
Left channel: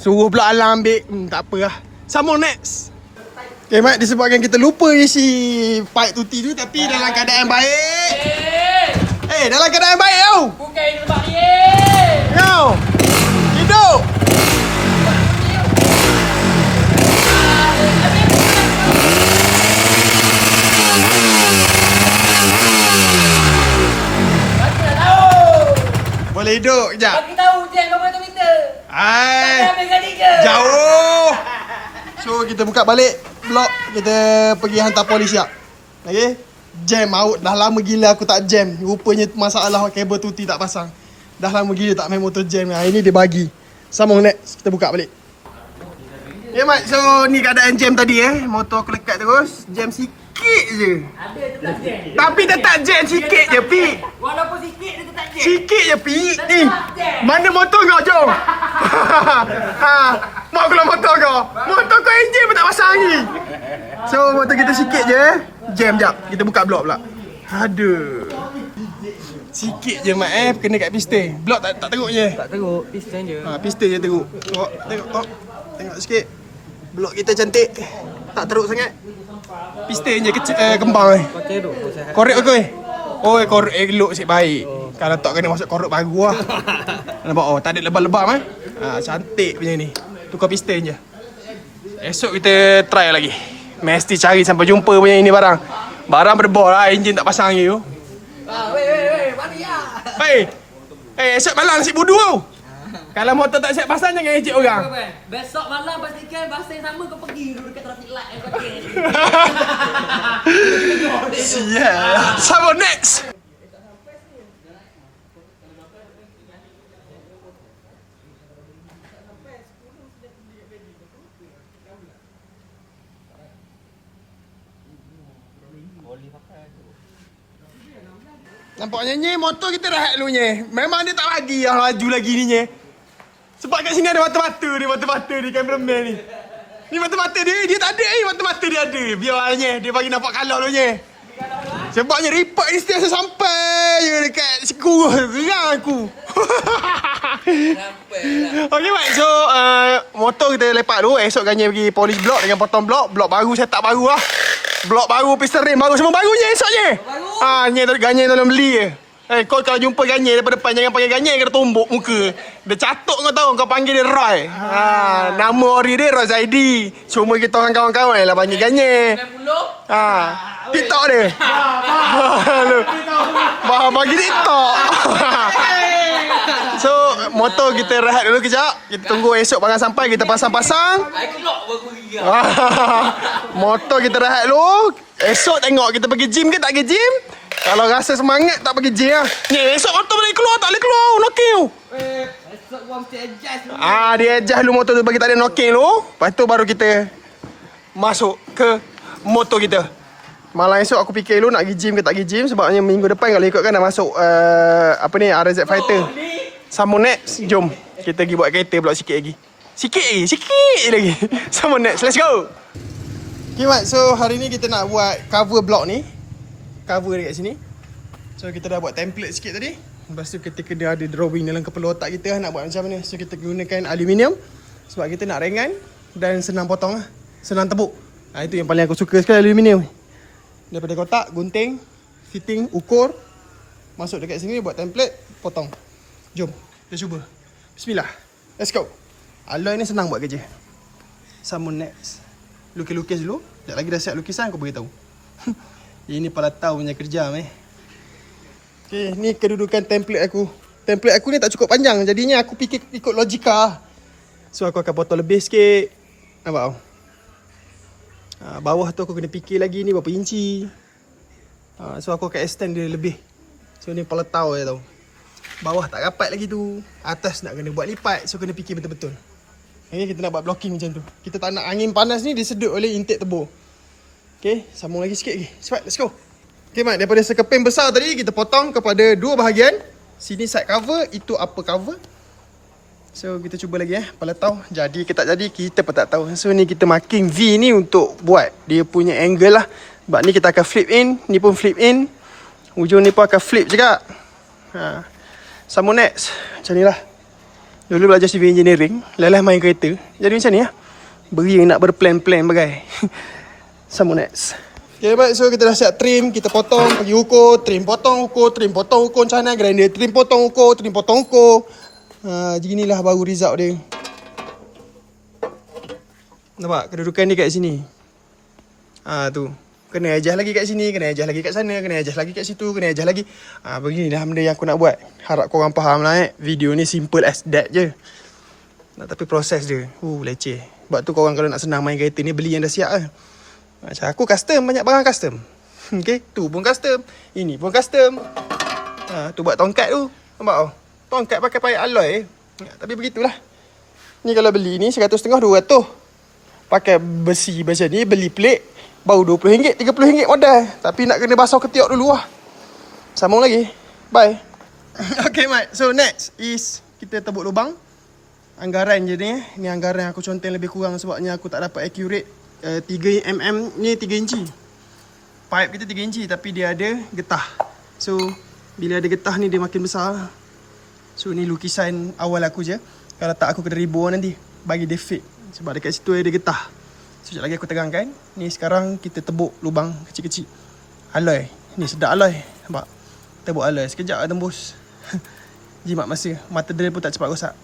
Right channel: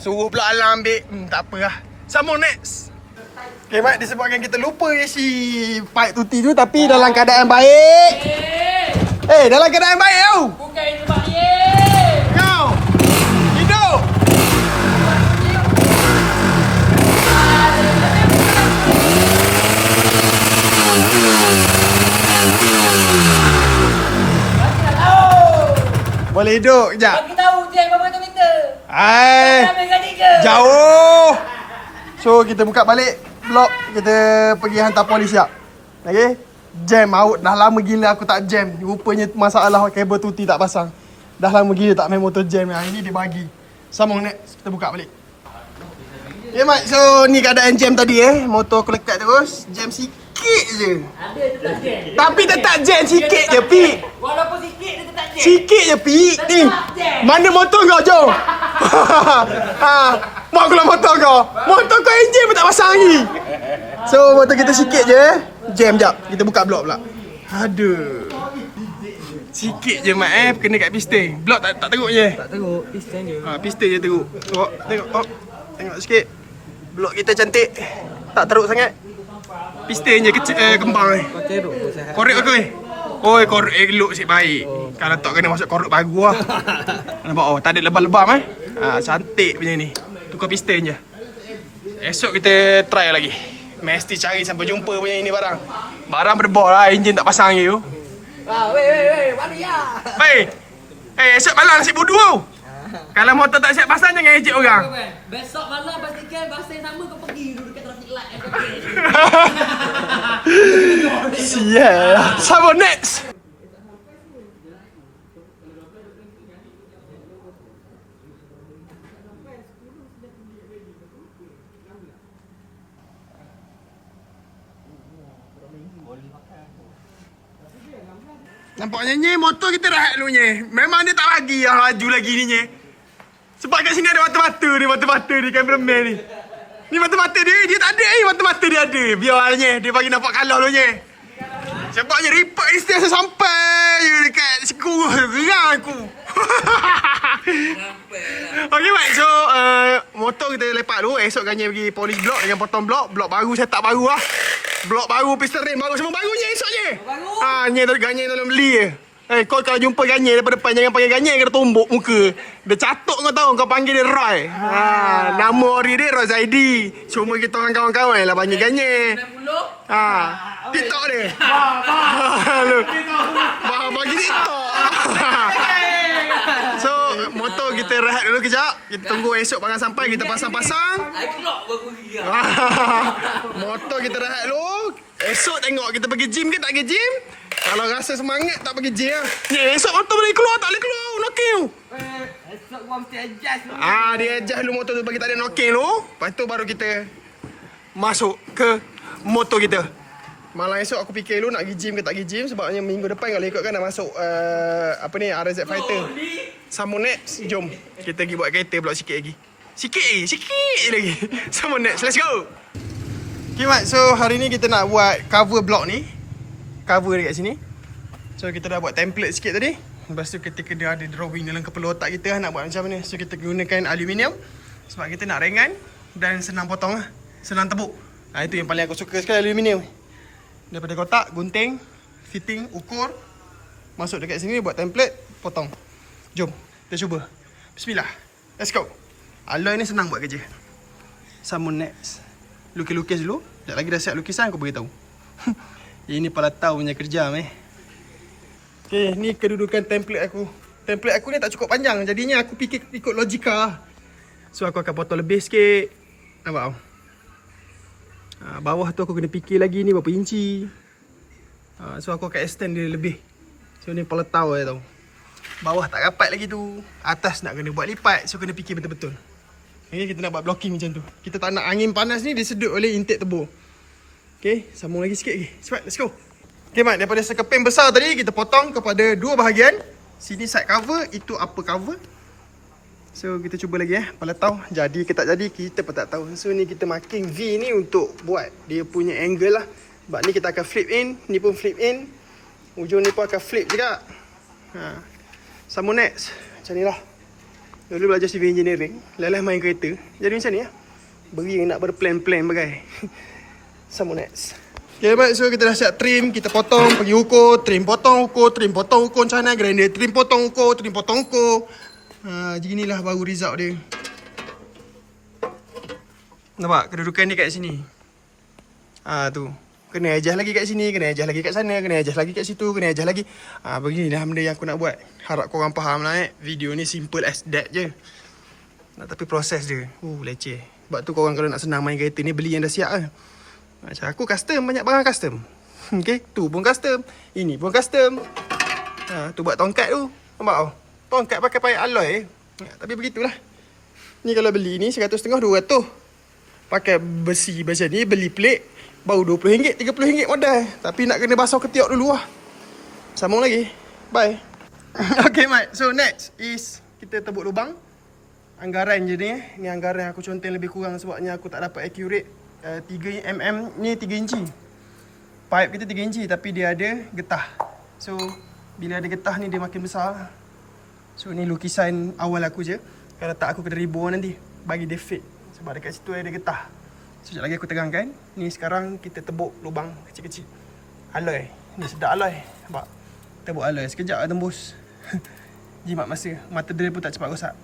Suruh pula Alang ambil. Tak apa lah. Sambung next. Okay Mat, disebabkan kita lupa isi pipe tuti tu tapi dalam keadaan baik. Dalam keadaan baik tau. Bukan itu tempat ni. Kau. Hidup. Boleh hidup kejap. Bagi tahu jam berapa meter. Hai. Tak ambil ke? Jauh. So kita buka balik blok, kita pergi hantar polis siap. Okey. Jam out dah lama gila aku tak jam. Rupanya masalah kabel tuti tak pasang. Dah lama gila tak main motor jam. Hari ni dia bagi. Sambung next, kita buka balik. Okay Mat, so ni keadaan jam tadi motor aku lekat terus, jam sikit je. Ada tetap jam. Tapi tetap jam sikit je Pi. Walaupun sikit dia tetap jam. Sikit je Pi. Ni. Mana motor kau jom? Mak keluar motor kau. Motor kau enjin pun tak pasang lagi. So motor kita sikit je. Jam jap. Kita buka blok pula. Aduh. Sikit je Mat kena kat piston. Blok tak teruk je. Tak teruk, piston je. Piston je teruk. Tengok. Tengok sikit. Blok kita cantik. Tak teruk sangat. Piston je kecil kembang Kau teruk pun saya. Korek aku korek elok asyik baik. Kalau tak kena masuk korek baru lah. Nampak tak ada lebam-lebam cantik punya ni. Tukar piston je. Esok kita try lagi. Mesti cari sampai jumpa punya ini barang. Barang berdebor lah, enjin tak pasang lagi tu. Weh, mari ya. Esok malam nasi budu tau. Kalau motor tak siap pasang jangan ejek orang. Besok malam pastikan bahasa yang sama kau pergi dulu dekat traffic light Sial. Sambung next. Nampaknya ni motor kita rahat dulu nye. Memang dia tak lagi yang laju lagi ni nye. Sebab kat sini ada mata-mata ni cameraman ni. Ni mata-mata dia tak ada ni, mata-mata dia ada. Biarnya dia bagi nampak kalau dulu nye. Sebabnya report instant sampai je dekat sekurus gerang aku. Okay Mat, so motor kita lepak dulu. Esok Ganya pergi polish blok dengan potong blok. Blok baru, setup baru lah. Blok baru, piston rim baru, semua barunya esoknya. Ganya tolong beli je. Kau kalau jumpa Ganya daripada depan jangan panggil Ganya, kena tumbuk muka. Dia catuk kau tahu, kau panggil dia Roy. Nama ori dia Roy Zaidi. Cuma kita orang kawan-kawan lah panggil Ganya. TikTok dia. Bagi TikTok. So, motor kita rehat dulu kejap. Kita tunggu esok barang sampai, kita pasang-pasang. Motor kita rehat dulu. Esok tengok kita pergi gym ke tak pergi gym. Kalau rasa semangat tak pergi gym lah. Ni esok motor boleh keluar tak boleh keluar. Knocking tu. Esok gua mesti adjust dulu. Dia adjust dulu motor tu bagi tak ada knocking tu. Lepas tu baru kita masuk ke motor kita. Malam esok aku fikir dulu nak pergi gym ke tak pergi gym. Sebabnya minggu depan kalau ikutkan dah masuk RZ Fighter. Sambung next. Jom kita pergi buat kereta pula sikit lagi. Sikit lagi. Sambung next. Let's go. Okay Mat, so hari ni kita nak buat cover block ni. Cover dekat sini. So kita dah buat template sikit tadi. Lepas tu kita kena ada drawing dalam kepala otak kita nak buat macam mana. So kita gunakan aluminium. Sebab kita nak ringan dan senang potong lah. Senang tepuk. Itu yang paling aku suka sekali aluminium. Daripada kotak, gunting, fitting, ukur. Masuk dekat sini buat template, potong. Jom, kita cuba. Bismillah. Let's go. Alloy ni senang buat kerja. Sambung next. Lukis-lukis dulu. Sekejap lagi dah siap lukisan aku beritahu. Ini palatau punya kerja Okay, ni kedudukan template aku. Template aku ni tak cukup panjang. Jadinya aku fikir ikut logika. So aku akan potong lebih sikit. Nampak tau? Bawah tu aku kena fikir lagi ni berapa inci. So aku akan extend dia lebih. So ni peletau je tau. Bawah tak rapat lagi tu. Atas nak kena buat lipat. So kena fikir betul-betul. Okay, kita nak buat blocking macam tu. Kita tak nak angin panas ni disedut oleh intake tebur. Okay, sambung lagi sikit lagi. Cepat, let's go. Okay Mat, daripada sekeping besar tadi kita potong kepada dua bahagian. Sini side cover, itu upper cover. So kita cuba lagi peletau. Jadi ke tak jadi kita pun tak tahu. So ni kita marking V ni untuk buat dia punya angle lah. Sebab ni kita akan flip in, ni pun flip in. Ujung ni pun akan flip juga. Sambung next. Macam ni lah. Dulu belajar civil engineering, lelah main kereta. Jadi macam ni lah. Beri yang nak berplan-plan bagai. Sambung next. Okay baik, so kita dah siap trim. Kita potong, pergi ukur, trim potong ukur, trim potong ukur macam mana. Grinder trim potong ukur, trim potong ukur. Beginilah baru result dia. Nampak kedudukan dia kat sini. Tu. Kena adjust lagi kat sini, kena adjust lagi kat sana, kena adjust lagi kat situ, kena adjust lagi. Beginilah benda yang aku nak buat. Harap korang faham lah Video ni simple as that je. Tapi proses dia leceh. Sebab tu korang kalau nak senang main kereta ni, beli yang dah siap lah. Macam aku custom, banyak barang custom. Okay, tu pun custom, ini pun custom. Tu buat tongkat tu. Nampak tau? Tongkat pakai payet alloy. Tapi begitulah. Ni kalau beli ni 150 200. Pakai besi macam ni, beli plate baru RM20, RM30 modal. Tapi nak kena basuh ketiak dulu lah. Sambung lagi. Bye. Okay Mat, so next is kita tebuk lubang. Anggaran je ni. Ni anggaran aku conteng lebih kurang sebabnya aku tak dapat accurate. 3mm ni 3 inci. Pipe kita 3 inci tapi dia ada getah. So bila ada getah ni dia makin besar. So ni lukisan awal aku je. Kalau tak aku kena ribur nanti bagi dia fit. Sebab dekat situ ada getah. So sekejap lagi aku terangkan. Ni sekarang kita tebuk lubang kecil-kecil. Alloy. Ni sedap alloy. Nampak? Tebuk alloy. Sekejap tembus. Jimat masa. Mata drill pun tak cepat rosak.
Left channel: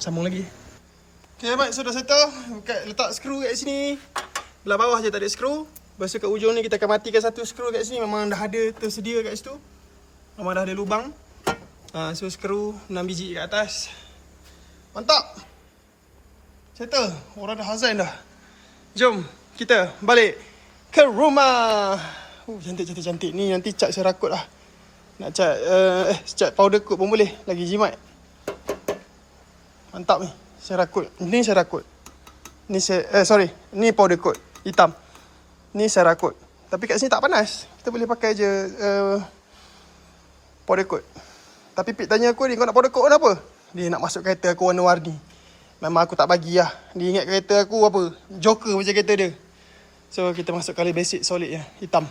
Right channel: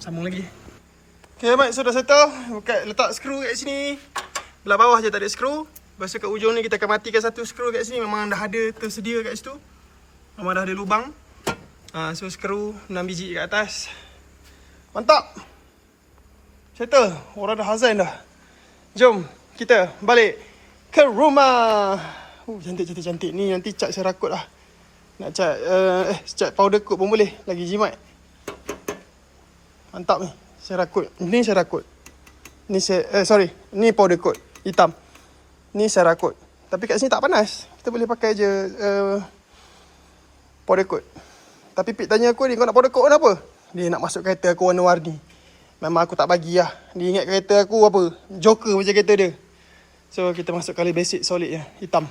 Sambung lagi. Okay Mat, so dah settle. Letak skru kat sini. Belah bawah je tak ada skru. Lepas tu kat ujung ni kita akan matikan satu skru kat sini. Memang dah ada tersedia kat situ. Memang dah ada lubang. So skru 6 biji kat atas. Mantap. Settle. Orang dah hazan dah. Jom kita balik ke rumah. Cantik-cantik. Ni nanti cat serakut lah. Nak cat cat powder coat pun boleh. Lagi jimat. Mantap ni. Serakut. Ni serakut. Ni ni powder coat hitam. Ni serakut. Tapi kat sini tak panas. Kita boleh pakai je powder coat. Tapi Pit tanya aku ni, kau nak powder coat kenapa? Dia nak masuk kereta aku warna-warni. Memang aku tak bagi lah. Dia ingat kereta aku apa? Joker macam kereta dia. So kita masuk colour basic solid je. Hitam.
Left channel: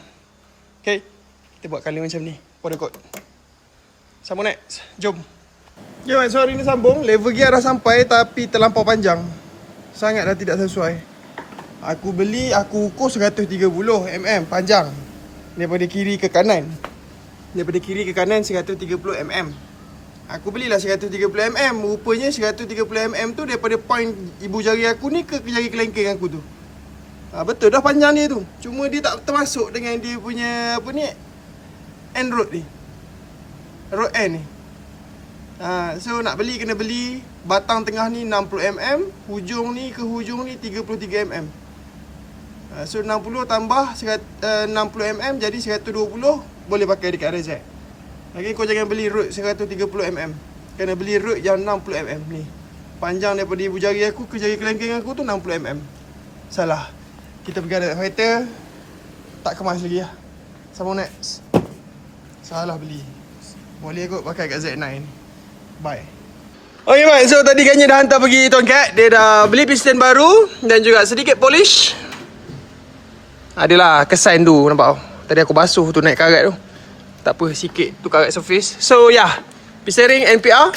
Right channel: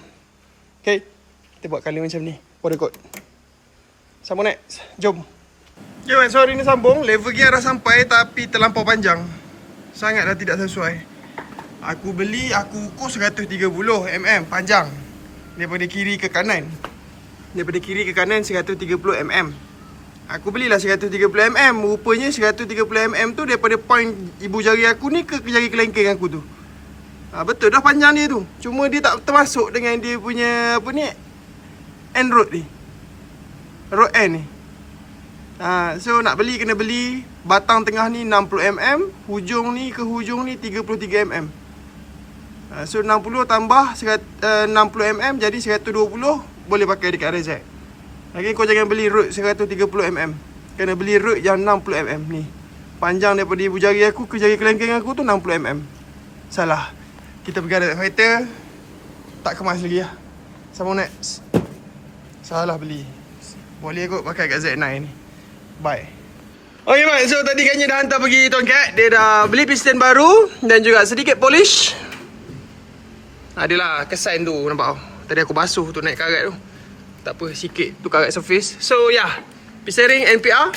Okay. Kita buat colour macam ni. Powder coat. Sambung next. Jom. Okay man, so hari ni sambung. Level gear dah sampai tapi terlampau panjang. Sangat dah tidak sesuai. Aku beli, aku ukur 130mm panjang. Daripada kiri ke kanan. Daripada kiri ke kanan 130mm. Aku belilah 130mm. Rupanya 130mm tu daripada point ibu jari aku ni ke jari kelengkeng aku tu. Betul dah panjang dia tu. Cuma dia tak termasuk dengan dia punya apa ni, end rod ni. Rod end ni. So nak beli kena beli batang tengah ni 60mm, hujung ni ke hujung ni 33mm. So 60 tambah 60mm jadi 120, boleh pakai dekat RZ. Lagi kau jangan beli rod 130mm. Kena beli rod yang 60mm ni. Panjang daripada ibu jari aku ke jari kelengkeng aku tu 60mm. Salah. Kita pergi ada kereta, tak kemas lagi lah. Sambung next. Salah beli. Boleh kot pakai kat Z9. Bye. Okay Mat, so tadi Ganya dah hantar pergi tongkat. Dia dah beli piston baru dan juga sedikit polish. Adalah kesan tu, nampak tau. Tadi aku basuh tu naik karat tu. Tak apa, sikit tu karat surface. So yeah, piston ring NPR,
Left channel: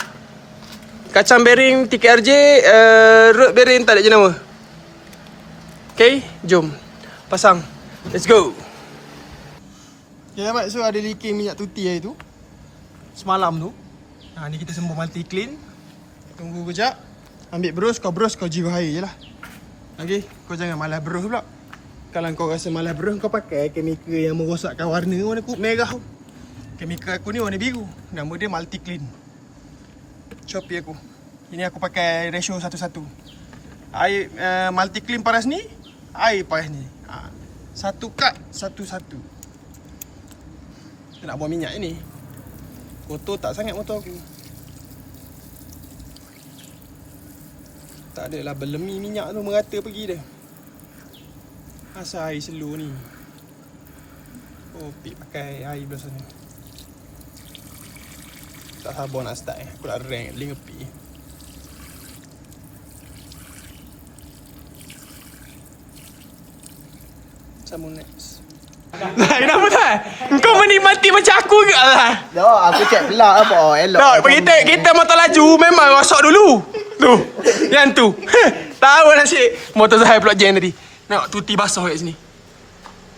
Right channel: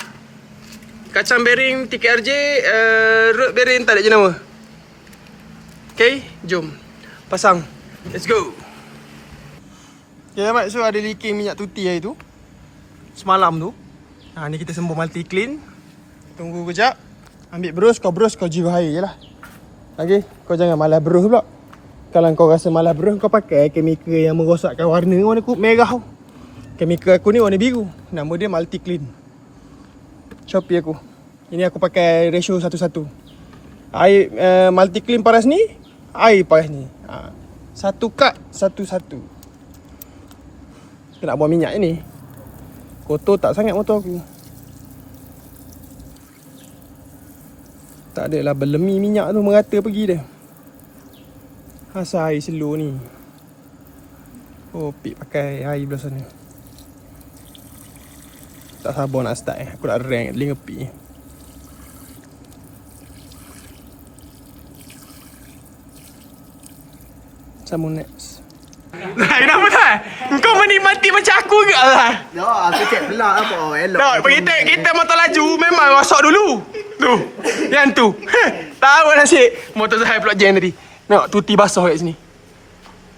kacang bearing TKRJ, road bearing tak ada jenama. Okay, jom pasang. Let's go. Okay Mat, so ada leaking minyak tuti hari tu semalam tu. Ni kita sembur multi clean. Tunggu kejap. Ambil brush, kau jiwa air je lah. Okay, kau jangan malas brush pula. Kalau kau rasa malas brush, kau pakai chemical yang merosakkan warna merah tau. Chemical aku ni warna biru. Nama dia multi clean. Shopee aku. Ini aku pakai ratio 1:1. Air multi clean paras ni, air paras ni. Satu kad 1:1. Kita nak buang minyak ni. Kotor tak sangat motor aku. Tak adalah berlemi minyak tu merata pergi dah. Asal air slow ni. Oh, pik pakai air belah sana. Tak sabar nak start Aku nak rank link ngepi. Sambung next. Kenapa tak? Kau menikmati macam aku ke lah? Ya, aku cek pelak apa. Elok. Tak, kita motor laju memang rosak dulu. Tu. Yang tu. Tahu nasib motor Zahir pula jam tadi. Tengok tuti basah kat sini.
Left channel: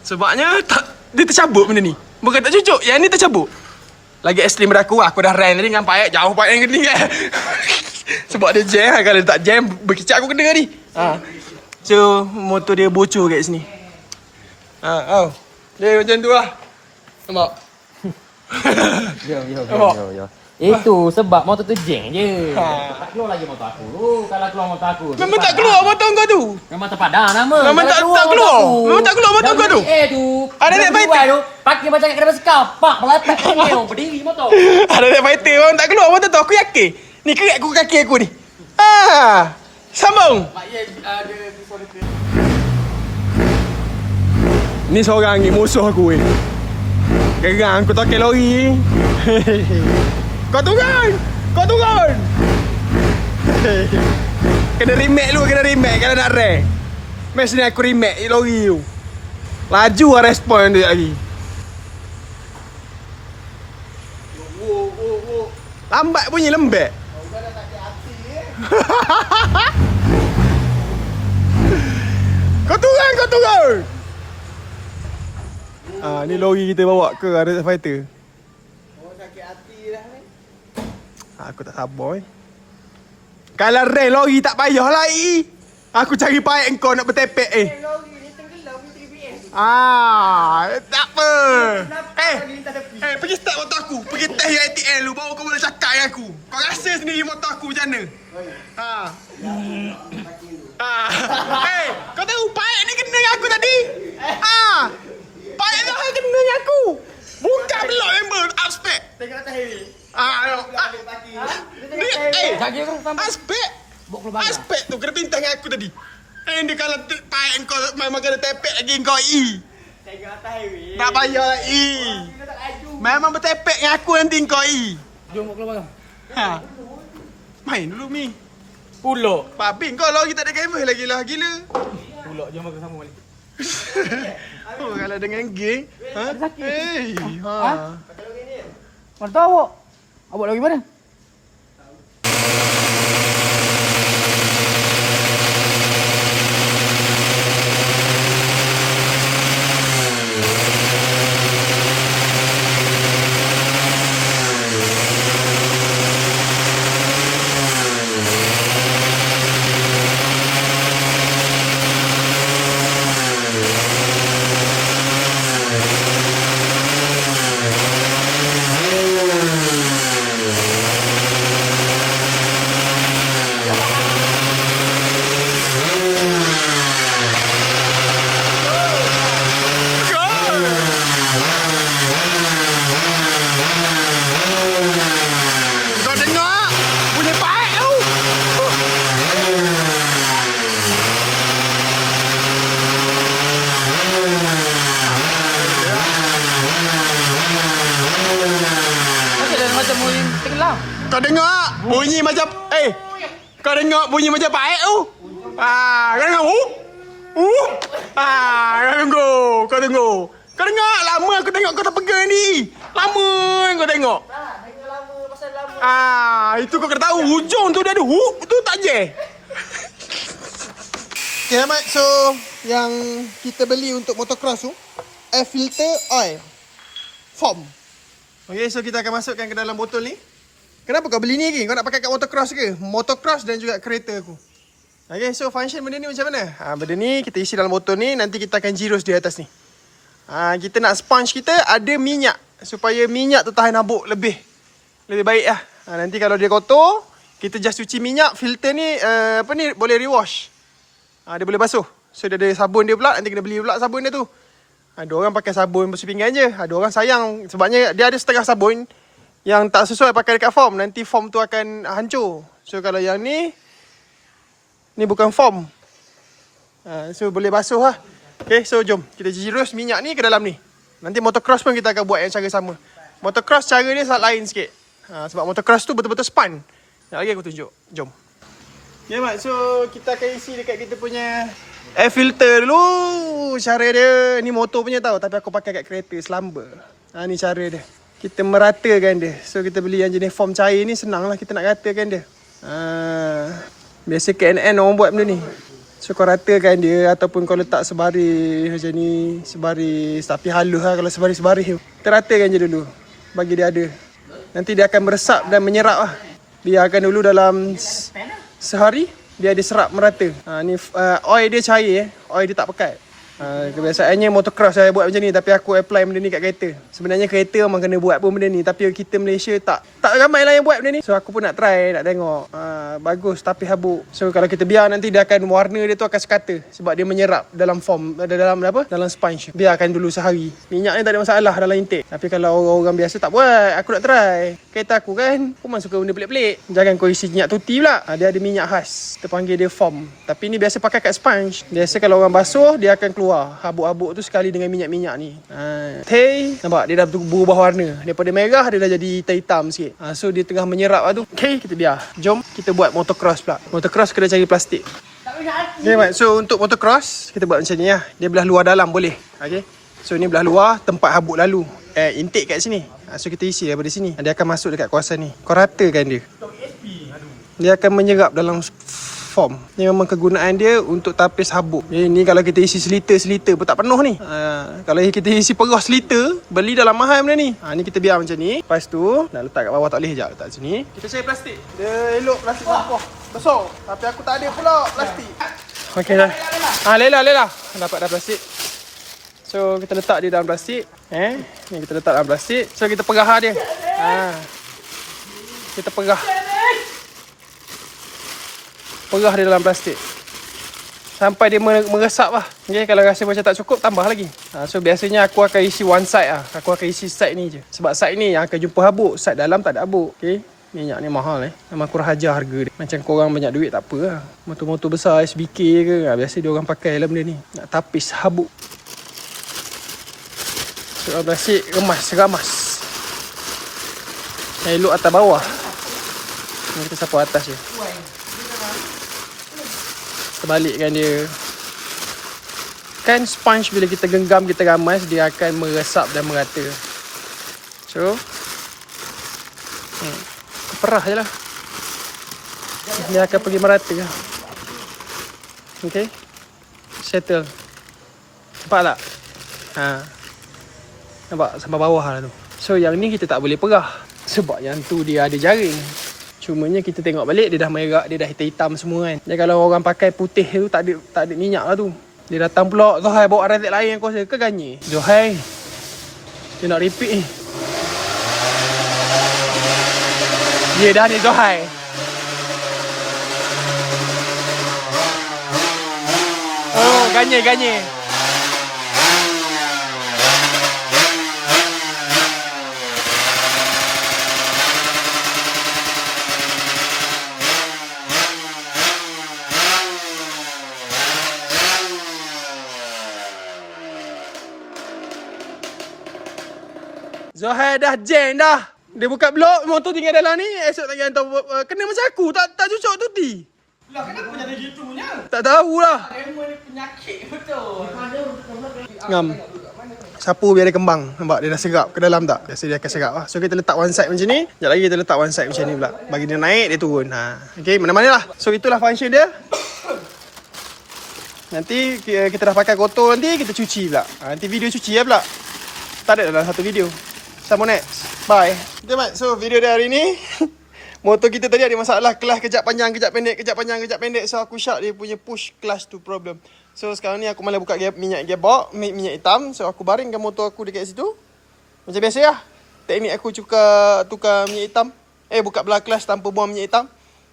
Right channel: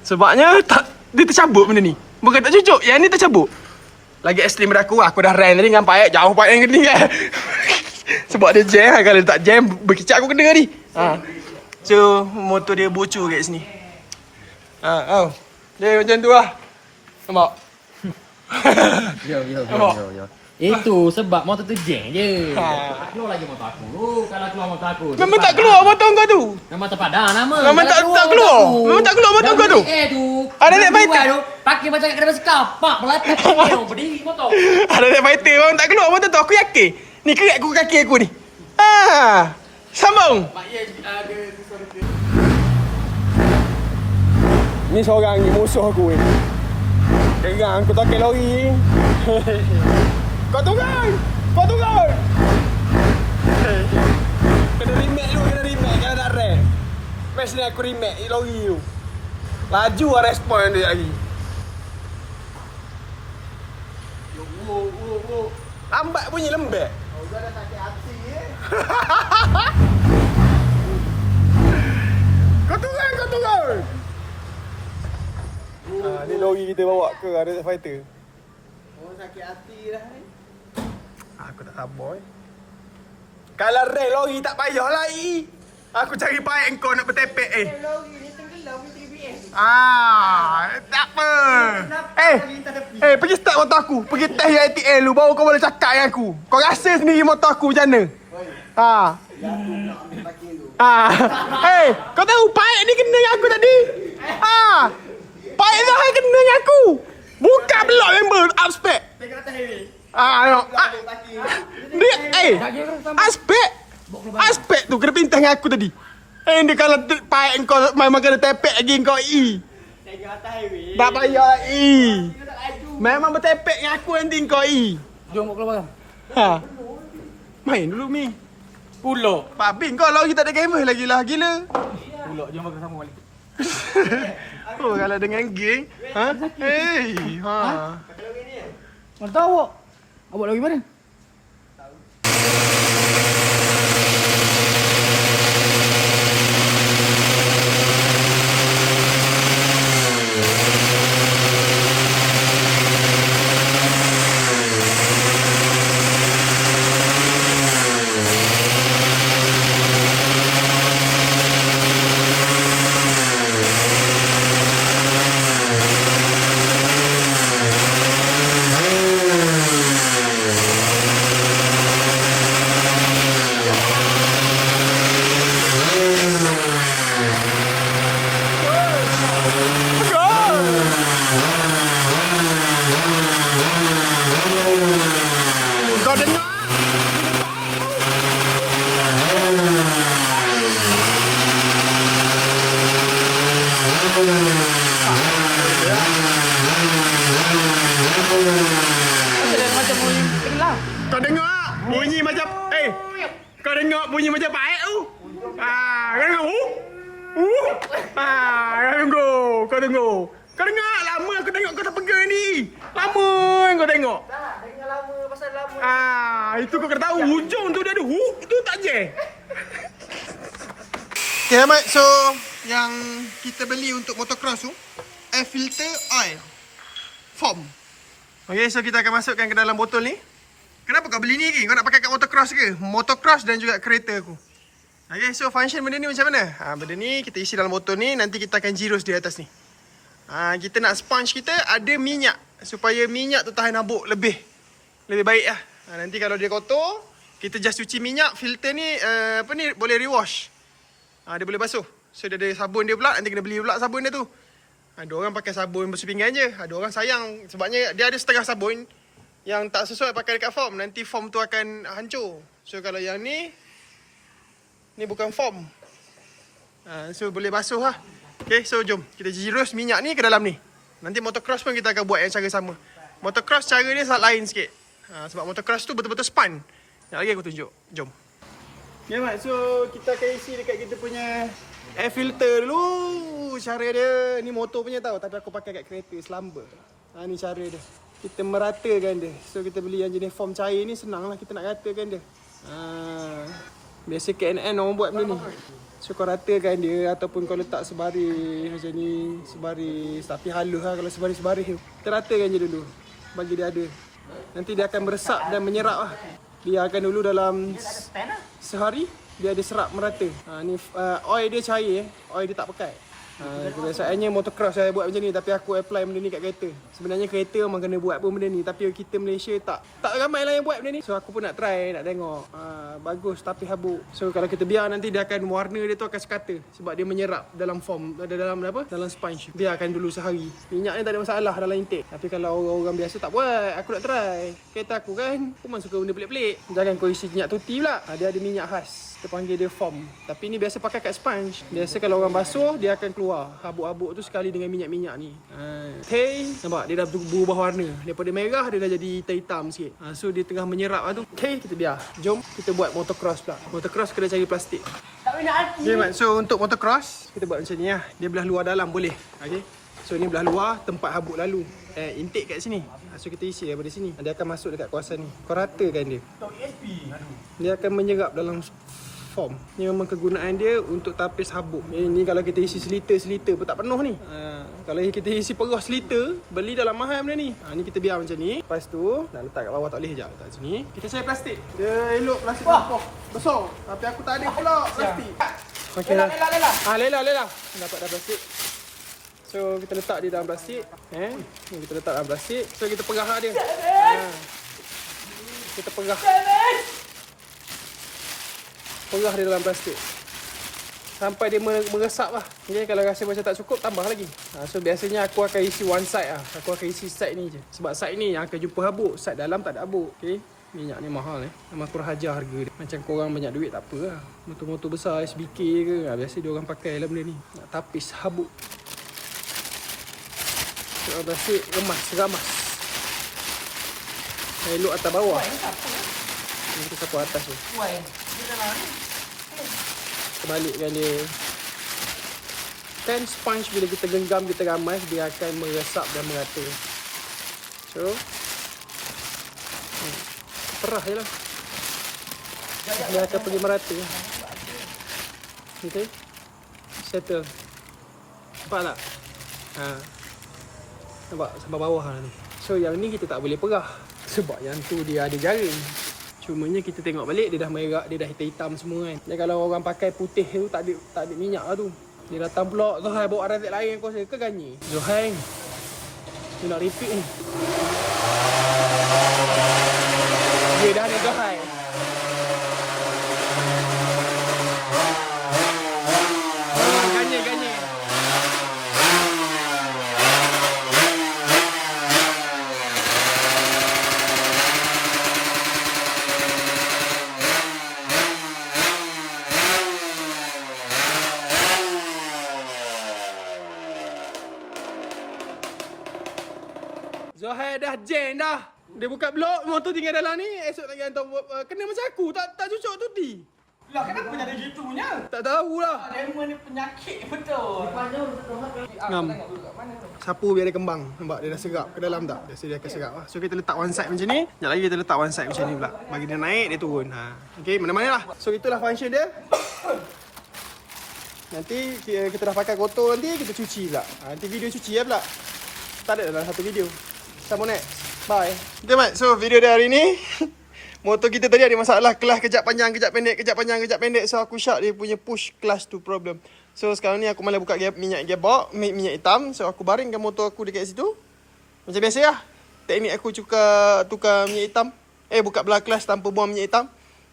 Sebabnya dia tercabut benda ni. Bukan tak cucuk, yang ni tercabut. Lagi ekstrim pada aku dah rent tadi dengan payat jauh payat yang gini kan. Sebab dia jam, kalau tak jam berkecak aku kena ni. So motor dia bocor kat sini. Dia macam tu lah. Nampak? Yo. Nampak? Itu sebab motor tu jeng je. Ha. Keluar lagi motor aku tu. Kalau keluar motor aku. Memang tak keluar motor kau tu. Memang terpadam nama. Memang tak keluar. Memang tak keluar motor kau tu. Tu. Ada net fighter tu. Pakai macam kat depan sekapak. Melepak kau berdiri motor. Ada net fighter memang tak keluar motor tu. Aku yakin. Ni kerat aku kaki aku ni. Sambung. Ni seorang ni musuh aku ni. Gerang aku tak lori. Kau turun. Kena remake kalau nak rank. Mesti ni aku remake lori tu. Laju lah respon dia lagi. Lambat bunyi lembek. Kau dah sakit hati Kau turun. Ni lori kita bawa ke ada fighter. Oh, sakit hati dah. Aku tak sabar Kalau rank lori tak payahlah Aku cari payat kau nak bertepek Lori ni tenggelam ni 3BS. Tak apa. Pergi start motor aku. Pergi test ATL lu baru kau boleh cakap dengan aku. Kau rasa sendiri motor aku macam mana? Kau tahu payat ni kena dengan aku tadi? Payat ni kena dengan aku. Buka blok member upspec. Tengok atas highway. Aspek tu kena pintah dengan aku tadi. Dia kalau payat kau memang kena tepek lagi kau Tengok atas highway. tak payah Kau tak laju. Memang bertepek dengan aku nanti kau Jom keluar bang. Main dulu Mi. Pulak. Pak Bin kau lagi tak ada gamer lagi lah gila. Pulak jom makan sama balik. Oh kalau dengan geng. Mana tahu awak? Awak lagi mana? Kau dengar bunyi baik tu. Kau dengar bunyi macam kau dengar bunyi macam baik tu. Kau dengar kau tengok. Kau dengar lama aku tengok kau terpegang ni. Lama kau tengok. Tak, dengar lama pasal lama. Itu kau kena tahu hujung tu dia ada hook tu tak je. Okay, Ahmad. So, yang kita beli untuk motocross tu air filter oil foam. Okay, so kita akan masukkan ke dalam botol ni. Kenapa kau beli ni lagi? Kau nak pakai kat motocross ke? Motocross dan juga kereta aku. Okay, so function benda ni macam mana? Benda ni kita isi dalam botol ni. Nanti kita akan zeros di atas ni. Kita nak sponge kita ada minyak. Supaya minyak tertahan habuk lebih baik lah. Nanti kalau dia kotor, kita just cuci minyak. Filter ni boleh rewash. Dia boleh basuh. So dia ada sabun dia pula. Nanti kena beli pula sabun dia tu. Ada orang pakai sabun basuh pinggan je. Ada orang sayang sebabnya dia ada setengah sabun. Yang tak sesuai pakai dekat foam, nanti foam tu akan hancur. So kalau yang ni bukan foam. So boleh basuh lah. Okay, so jom kita jirus minyak ni ke dalam ni. Nanti motocross pun kita akan buat yang cara sama. Motocross cara dia sangat lain sikit. Sebab motocross tu betul-betul span. Sekejap lagi aku tunjuk. Jom. Okay Mat, so kita akan isi dekat kita punya air filter dulu. Cara dia, ni motor punya tau, tapi aku pakai kat kereta Slumber. Ni cara dia. Kita meratakan dia. So kita beli yang jenis foam cair ni, senang lah kita nak ratakan dia. Biasa KNN orang buat benda ni. So kau ratakan dia, ataupun kau letak sebaris macam ni, sebaris tapi halus lah. Kalau sebaris-sebaris tu, kita ratakan je dulu, bagi dia ada. Nanti dia akan meresap dan menyerap lah. Biarkan dulu dalam sehari, dia ada serap merata. Ni oil dia cair, oil dia tak pekat. Kebiasaannya motocross saya buat macam ni, tapi aku apply benda ni kat kereta. Sebenarnya kereta memang kena buat pun benda ni, tapi kita Malaysia tak ramai lah yang buat benda ni. So aku pun nak try, nak tengok. Bagus tapi habuk. So kalau kita biar, nanti dia akan, warna dia tu akan sekata. Sebab dia menyerap dalam foam, dalam sponge. Biarkan dulu sehari. Minyak ni tak ada masalah dalam intake. Tapi kalau orang biasa tak buat, aku nak try. Kereta aku kan, aku memang suka benda pelik-pelik. Jangan kau isi minyak tuti pula. Dia ada minyak khas, kita panggil dia foam. Tapi ni biasa pakai kat sponge. Biasa kalau orang basuh, dia akan keluar habuk-habuk tu sekali dengan minyak-minyak ni. Nampak dia dah berubah warna. Daripada merah dia dah jadi hitam sikit. So dia tengah menyerap lah tu. Okay, kita biar. Jom kita buat motocross pula. Motocross kena cari plastik. Okay, Mat. So untuk motocross kita buat macam ni lah. Dia belah luar dalam boleh. Okay. So ni belah luar, tempat habuk lalu. Intake kat sini. So kita isi daripada sini. Dia akan masuk dekat kawasan ni. Kau ratakan dia. Dia akan menyerap dalam foam. Ni memang kegunaan dia untuk tapis habuk. Ni kalau kita isi seliter pun tak penuh ni. Kalau kita isi perah seliter, beli dalam mahal benda ni. Ni kita biar macam ni. Lepas tu nak letak kat bawah tak boleh, sekejap letak sini. Kita cari plastik. Dia elok plastik sampah besar. Tapi aku tak ada pula plastik. Okey dah. Lela. Dapat dah plastik. So kita letak dia dalam plastik. Ni kita letak dalam plastik. So kita perah dia. Kita perah dia dalam plastik sampai dia meresap lah. Okay, kalau rasa macam tak cukup, tambah lagi. So biasanya aku akan isi one side lah. Aku akan isi side ni je. Sebab side ni yang akan jumpa habuk. Side dalam tak ada habuk. Okay, minyak ni mahal memang kurang ajar harga dia. Macam korang banyak duit tak apa lah. Motor-motor besar SBK ke, biasa dia orang pakai lah benda ni. Nak tapis habuk. So plastik ramas. Elok atas bawah. Ni kita sapu atas je. Sebalikkan dia. Kan sponge bila kita genggam, kita ramas, dia akan meresap dan merata. So perah je lah. Dia akan pergi merata. Okay, settle. Nampak tak? Nampak sampai bawah lah tu. So yang ni kita tak boleh perah, sebab yang tu dia ada jaring. Cumanya kita tengok balik, dia dah merah, dia dah hitam-hitam semua kan. Dan kalau orang pakai putih tu tak ada minyak lah tu. Dia datang pula, Zohai bawa ratik lain yang kuasa ke ganye? Zohai, dia nak repeat ni. Dia dah ni Zohai. Oh, ganye. Zohai dah jam dah. Dia buka blok, motor tinggal dalam ni. Esok tak hantar kena macam aku, tak cucuk tuti. Lah kenapa jadi gitunya? Tak tahulah. Dia ni penyakit betul. Ngam. Sapu biar dia kembang. Nampak dia dah serap ke dalam tak? Biasa dia akan serap lah. So kita letak one side macam ni. Sekejap lagi kita letak one side macam ni pula. Bagi dia naik, dia turun. Okay, mana-mana lah. So itulah function dia. Nanti kita dah pakai kotor, nanti kita cuci pula. Nanti video cuci lah pula. Tak ada dalam satu video. Sama next. Bye. Okay, Mat. So video dia hari ni, motor kita tadi ada masalah. Kelas kejap panjang, kejap pendek. So aku shout dia punya push clutch tu problem. So sekarang ni aku malah buka minyak gearbox, minyak hitam. So aku baringkan motor aku dekat situ. Macam biasa lah. Teknik aku tukar minyak hitam. Buka belah clutch tanpa buang minyak hitam.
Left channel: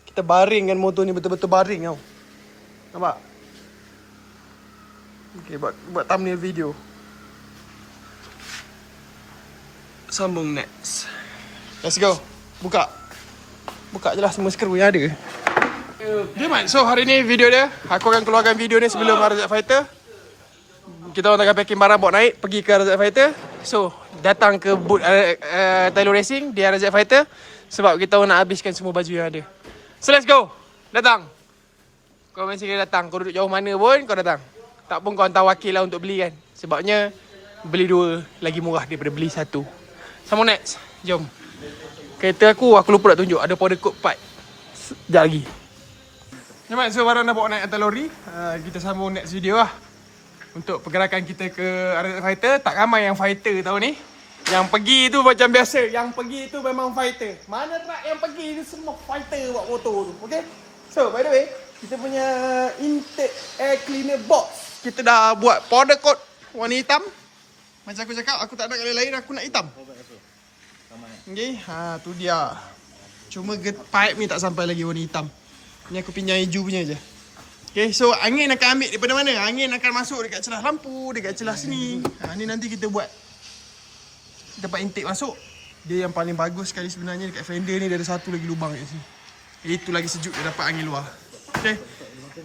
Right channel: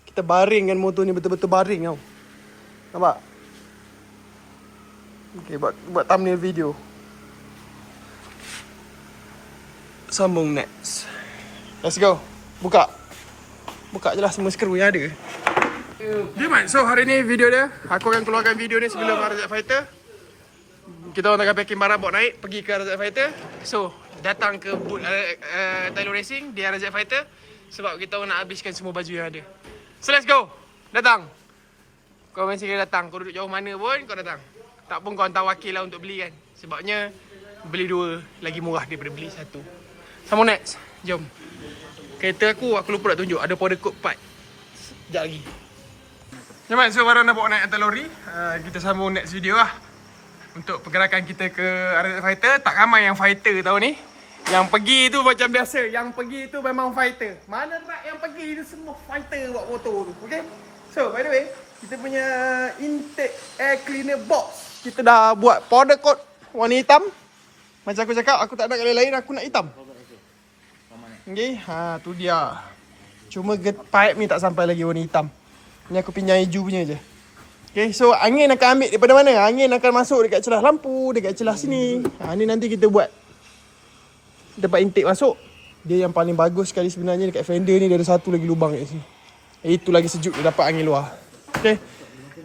Kita baringkan motor ni betul-betul baring tau. Nampak? Okay, buat thumbnail video. Sambung next. Let's go. Buka. Buka je lah semua skru yang ada. Okay, Mat. So, hari ni video dia. Aku akan keluarkan video ni sebelum RZ Fighter. Kita orang tengah packing barang bawa naik pergi ke RZ Fighter. So, datang ke boot Tylo Racing di RZ Fighter sebab kita orang nak habiskan semua baju yang ada. So, let's go. Datang. Kau mesti kena datang. Kau duduk jauh mana pun kau datang. Tak pun kau hantar wakil lah untuk beli kan. Sebabnya beli 2 lagi murah daripada beli 1. Sambung next. Jom. Kereta aku lupa nak tunjuk. Ada powder coat part. Sekejap lagi. Jamat, so barang dah bawa naik atas lori. Kita sambung next video lah. Untuk pergerakan kita ke RZ Fighter. Tak ramai yang fighter tahun ni. Yang pergi tu macam biasa. Yang pergi tu memang fighter. Mana truck yang pergi tu semua fighter buat motor tu. Okay. So by the way, kita punya intake air cleaner box. Kita dah buat powder coat warna hitam. Macam aku cakap, aku tak nak colour lain, aku nak hitam. Okay, tu dia. Cuma pipe ni tak sampai lagi warna hitam. Ni aku pinjam hijau punya je. Okay, so angin akan ambil daripada mana? Angin akan masuk dekat celah lampu, dekat celah sini. Ni nanti kita buat tempat intake masuk. Dia yang paling bagus sekali sebenarnya dekat fender ni. Dia ada satu lagi lubang kat sini. Itu lagi sejuk, dia dapat angin luar. Okay,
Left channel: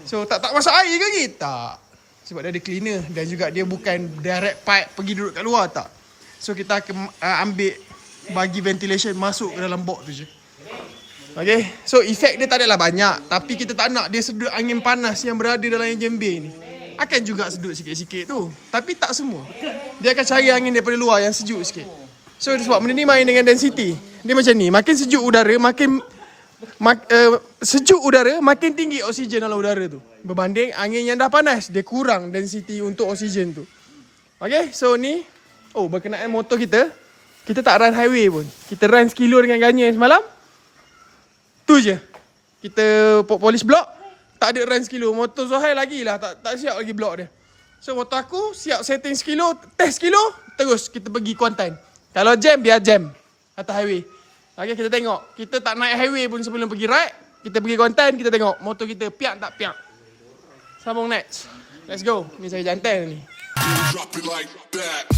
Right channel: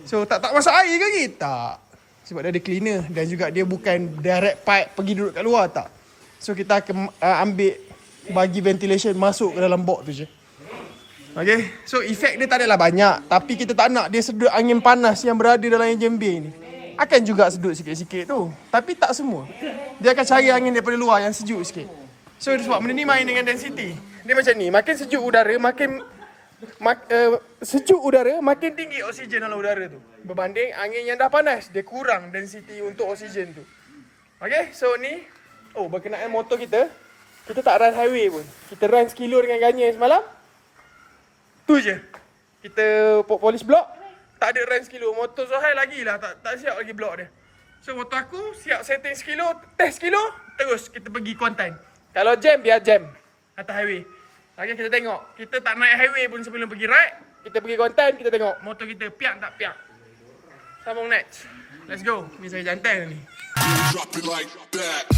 so tak masuk air ke lagi? Tak. Sebab dia ada cleaner dan juga dia bukan direct pipe pergi duduk kat luar, tak. So kita akan ambil bagi ventilation masuk ke dalam box tu je. Okay, so efek dia tak adalah banyak. Tapi kita tak nak dia sedut angin panas yang berada dalam engine bay ni. Akan juga sedut sikit-sikit tu. Tapi tak semua. Dia akan cari angin daripada luar yang sejuk sikit. So sebab benda ni main dengan density. Dia macam ni, makin sejuk udara, makin sejuk udara, makin tinggi oksigen dalam udara tu. Berbanding angin yang dah panas, dia kurang density untuk oksigen tu. Okay, so ni berkenaan motor kita. Kita tak run highway pun. Kita run sekilo dengan Ganyan semalam. Tu je. Kita polish block. Tak ada run sekilo. Motor Zohail lagi lah. Tak siap lagi block dia. So motor aku siap setting sekilo. Test sekilo. Terus kita pergi Kuantan. Kalau jam, biar jam. Atas highway. Okay, kita tengok. Kita tak naik highway pun sebelum pergi ride. Kita pergi Kuantan. Kita tengok motor kita piak tak piak. Sambung next. Let's go. Ni saya jantan ni. Drop it like that.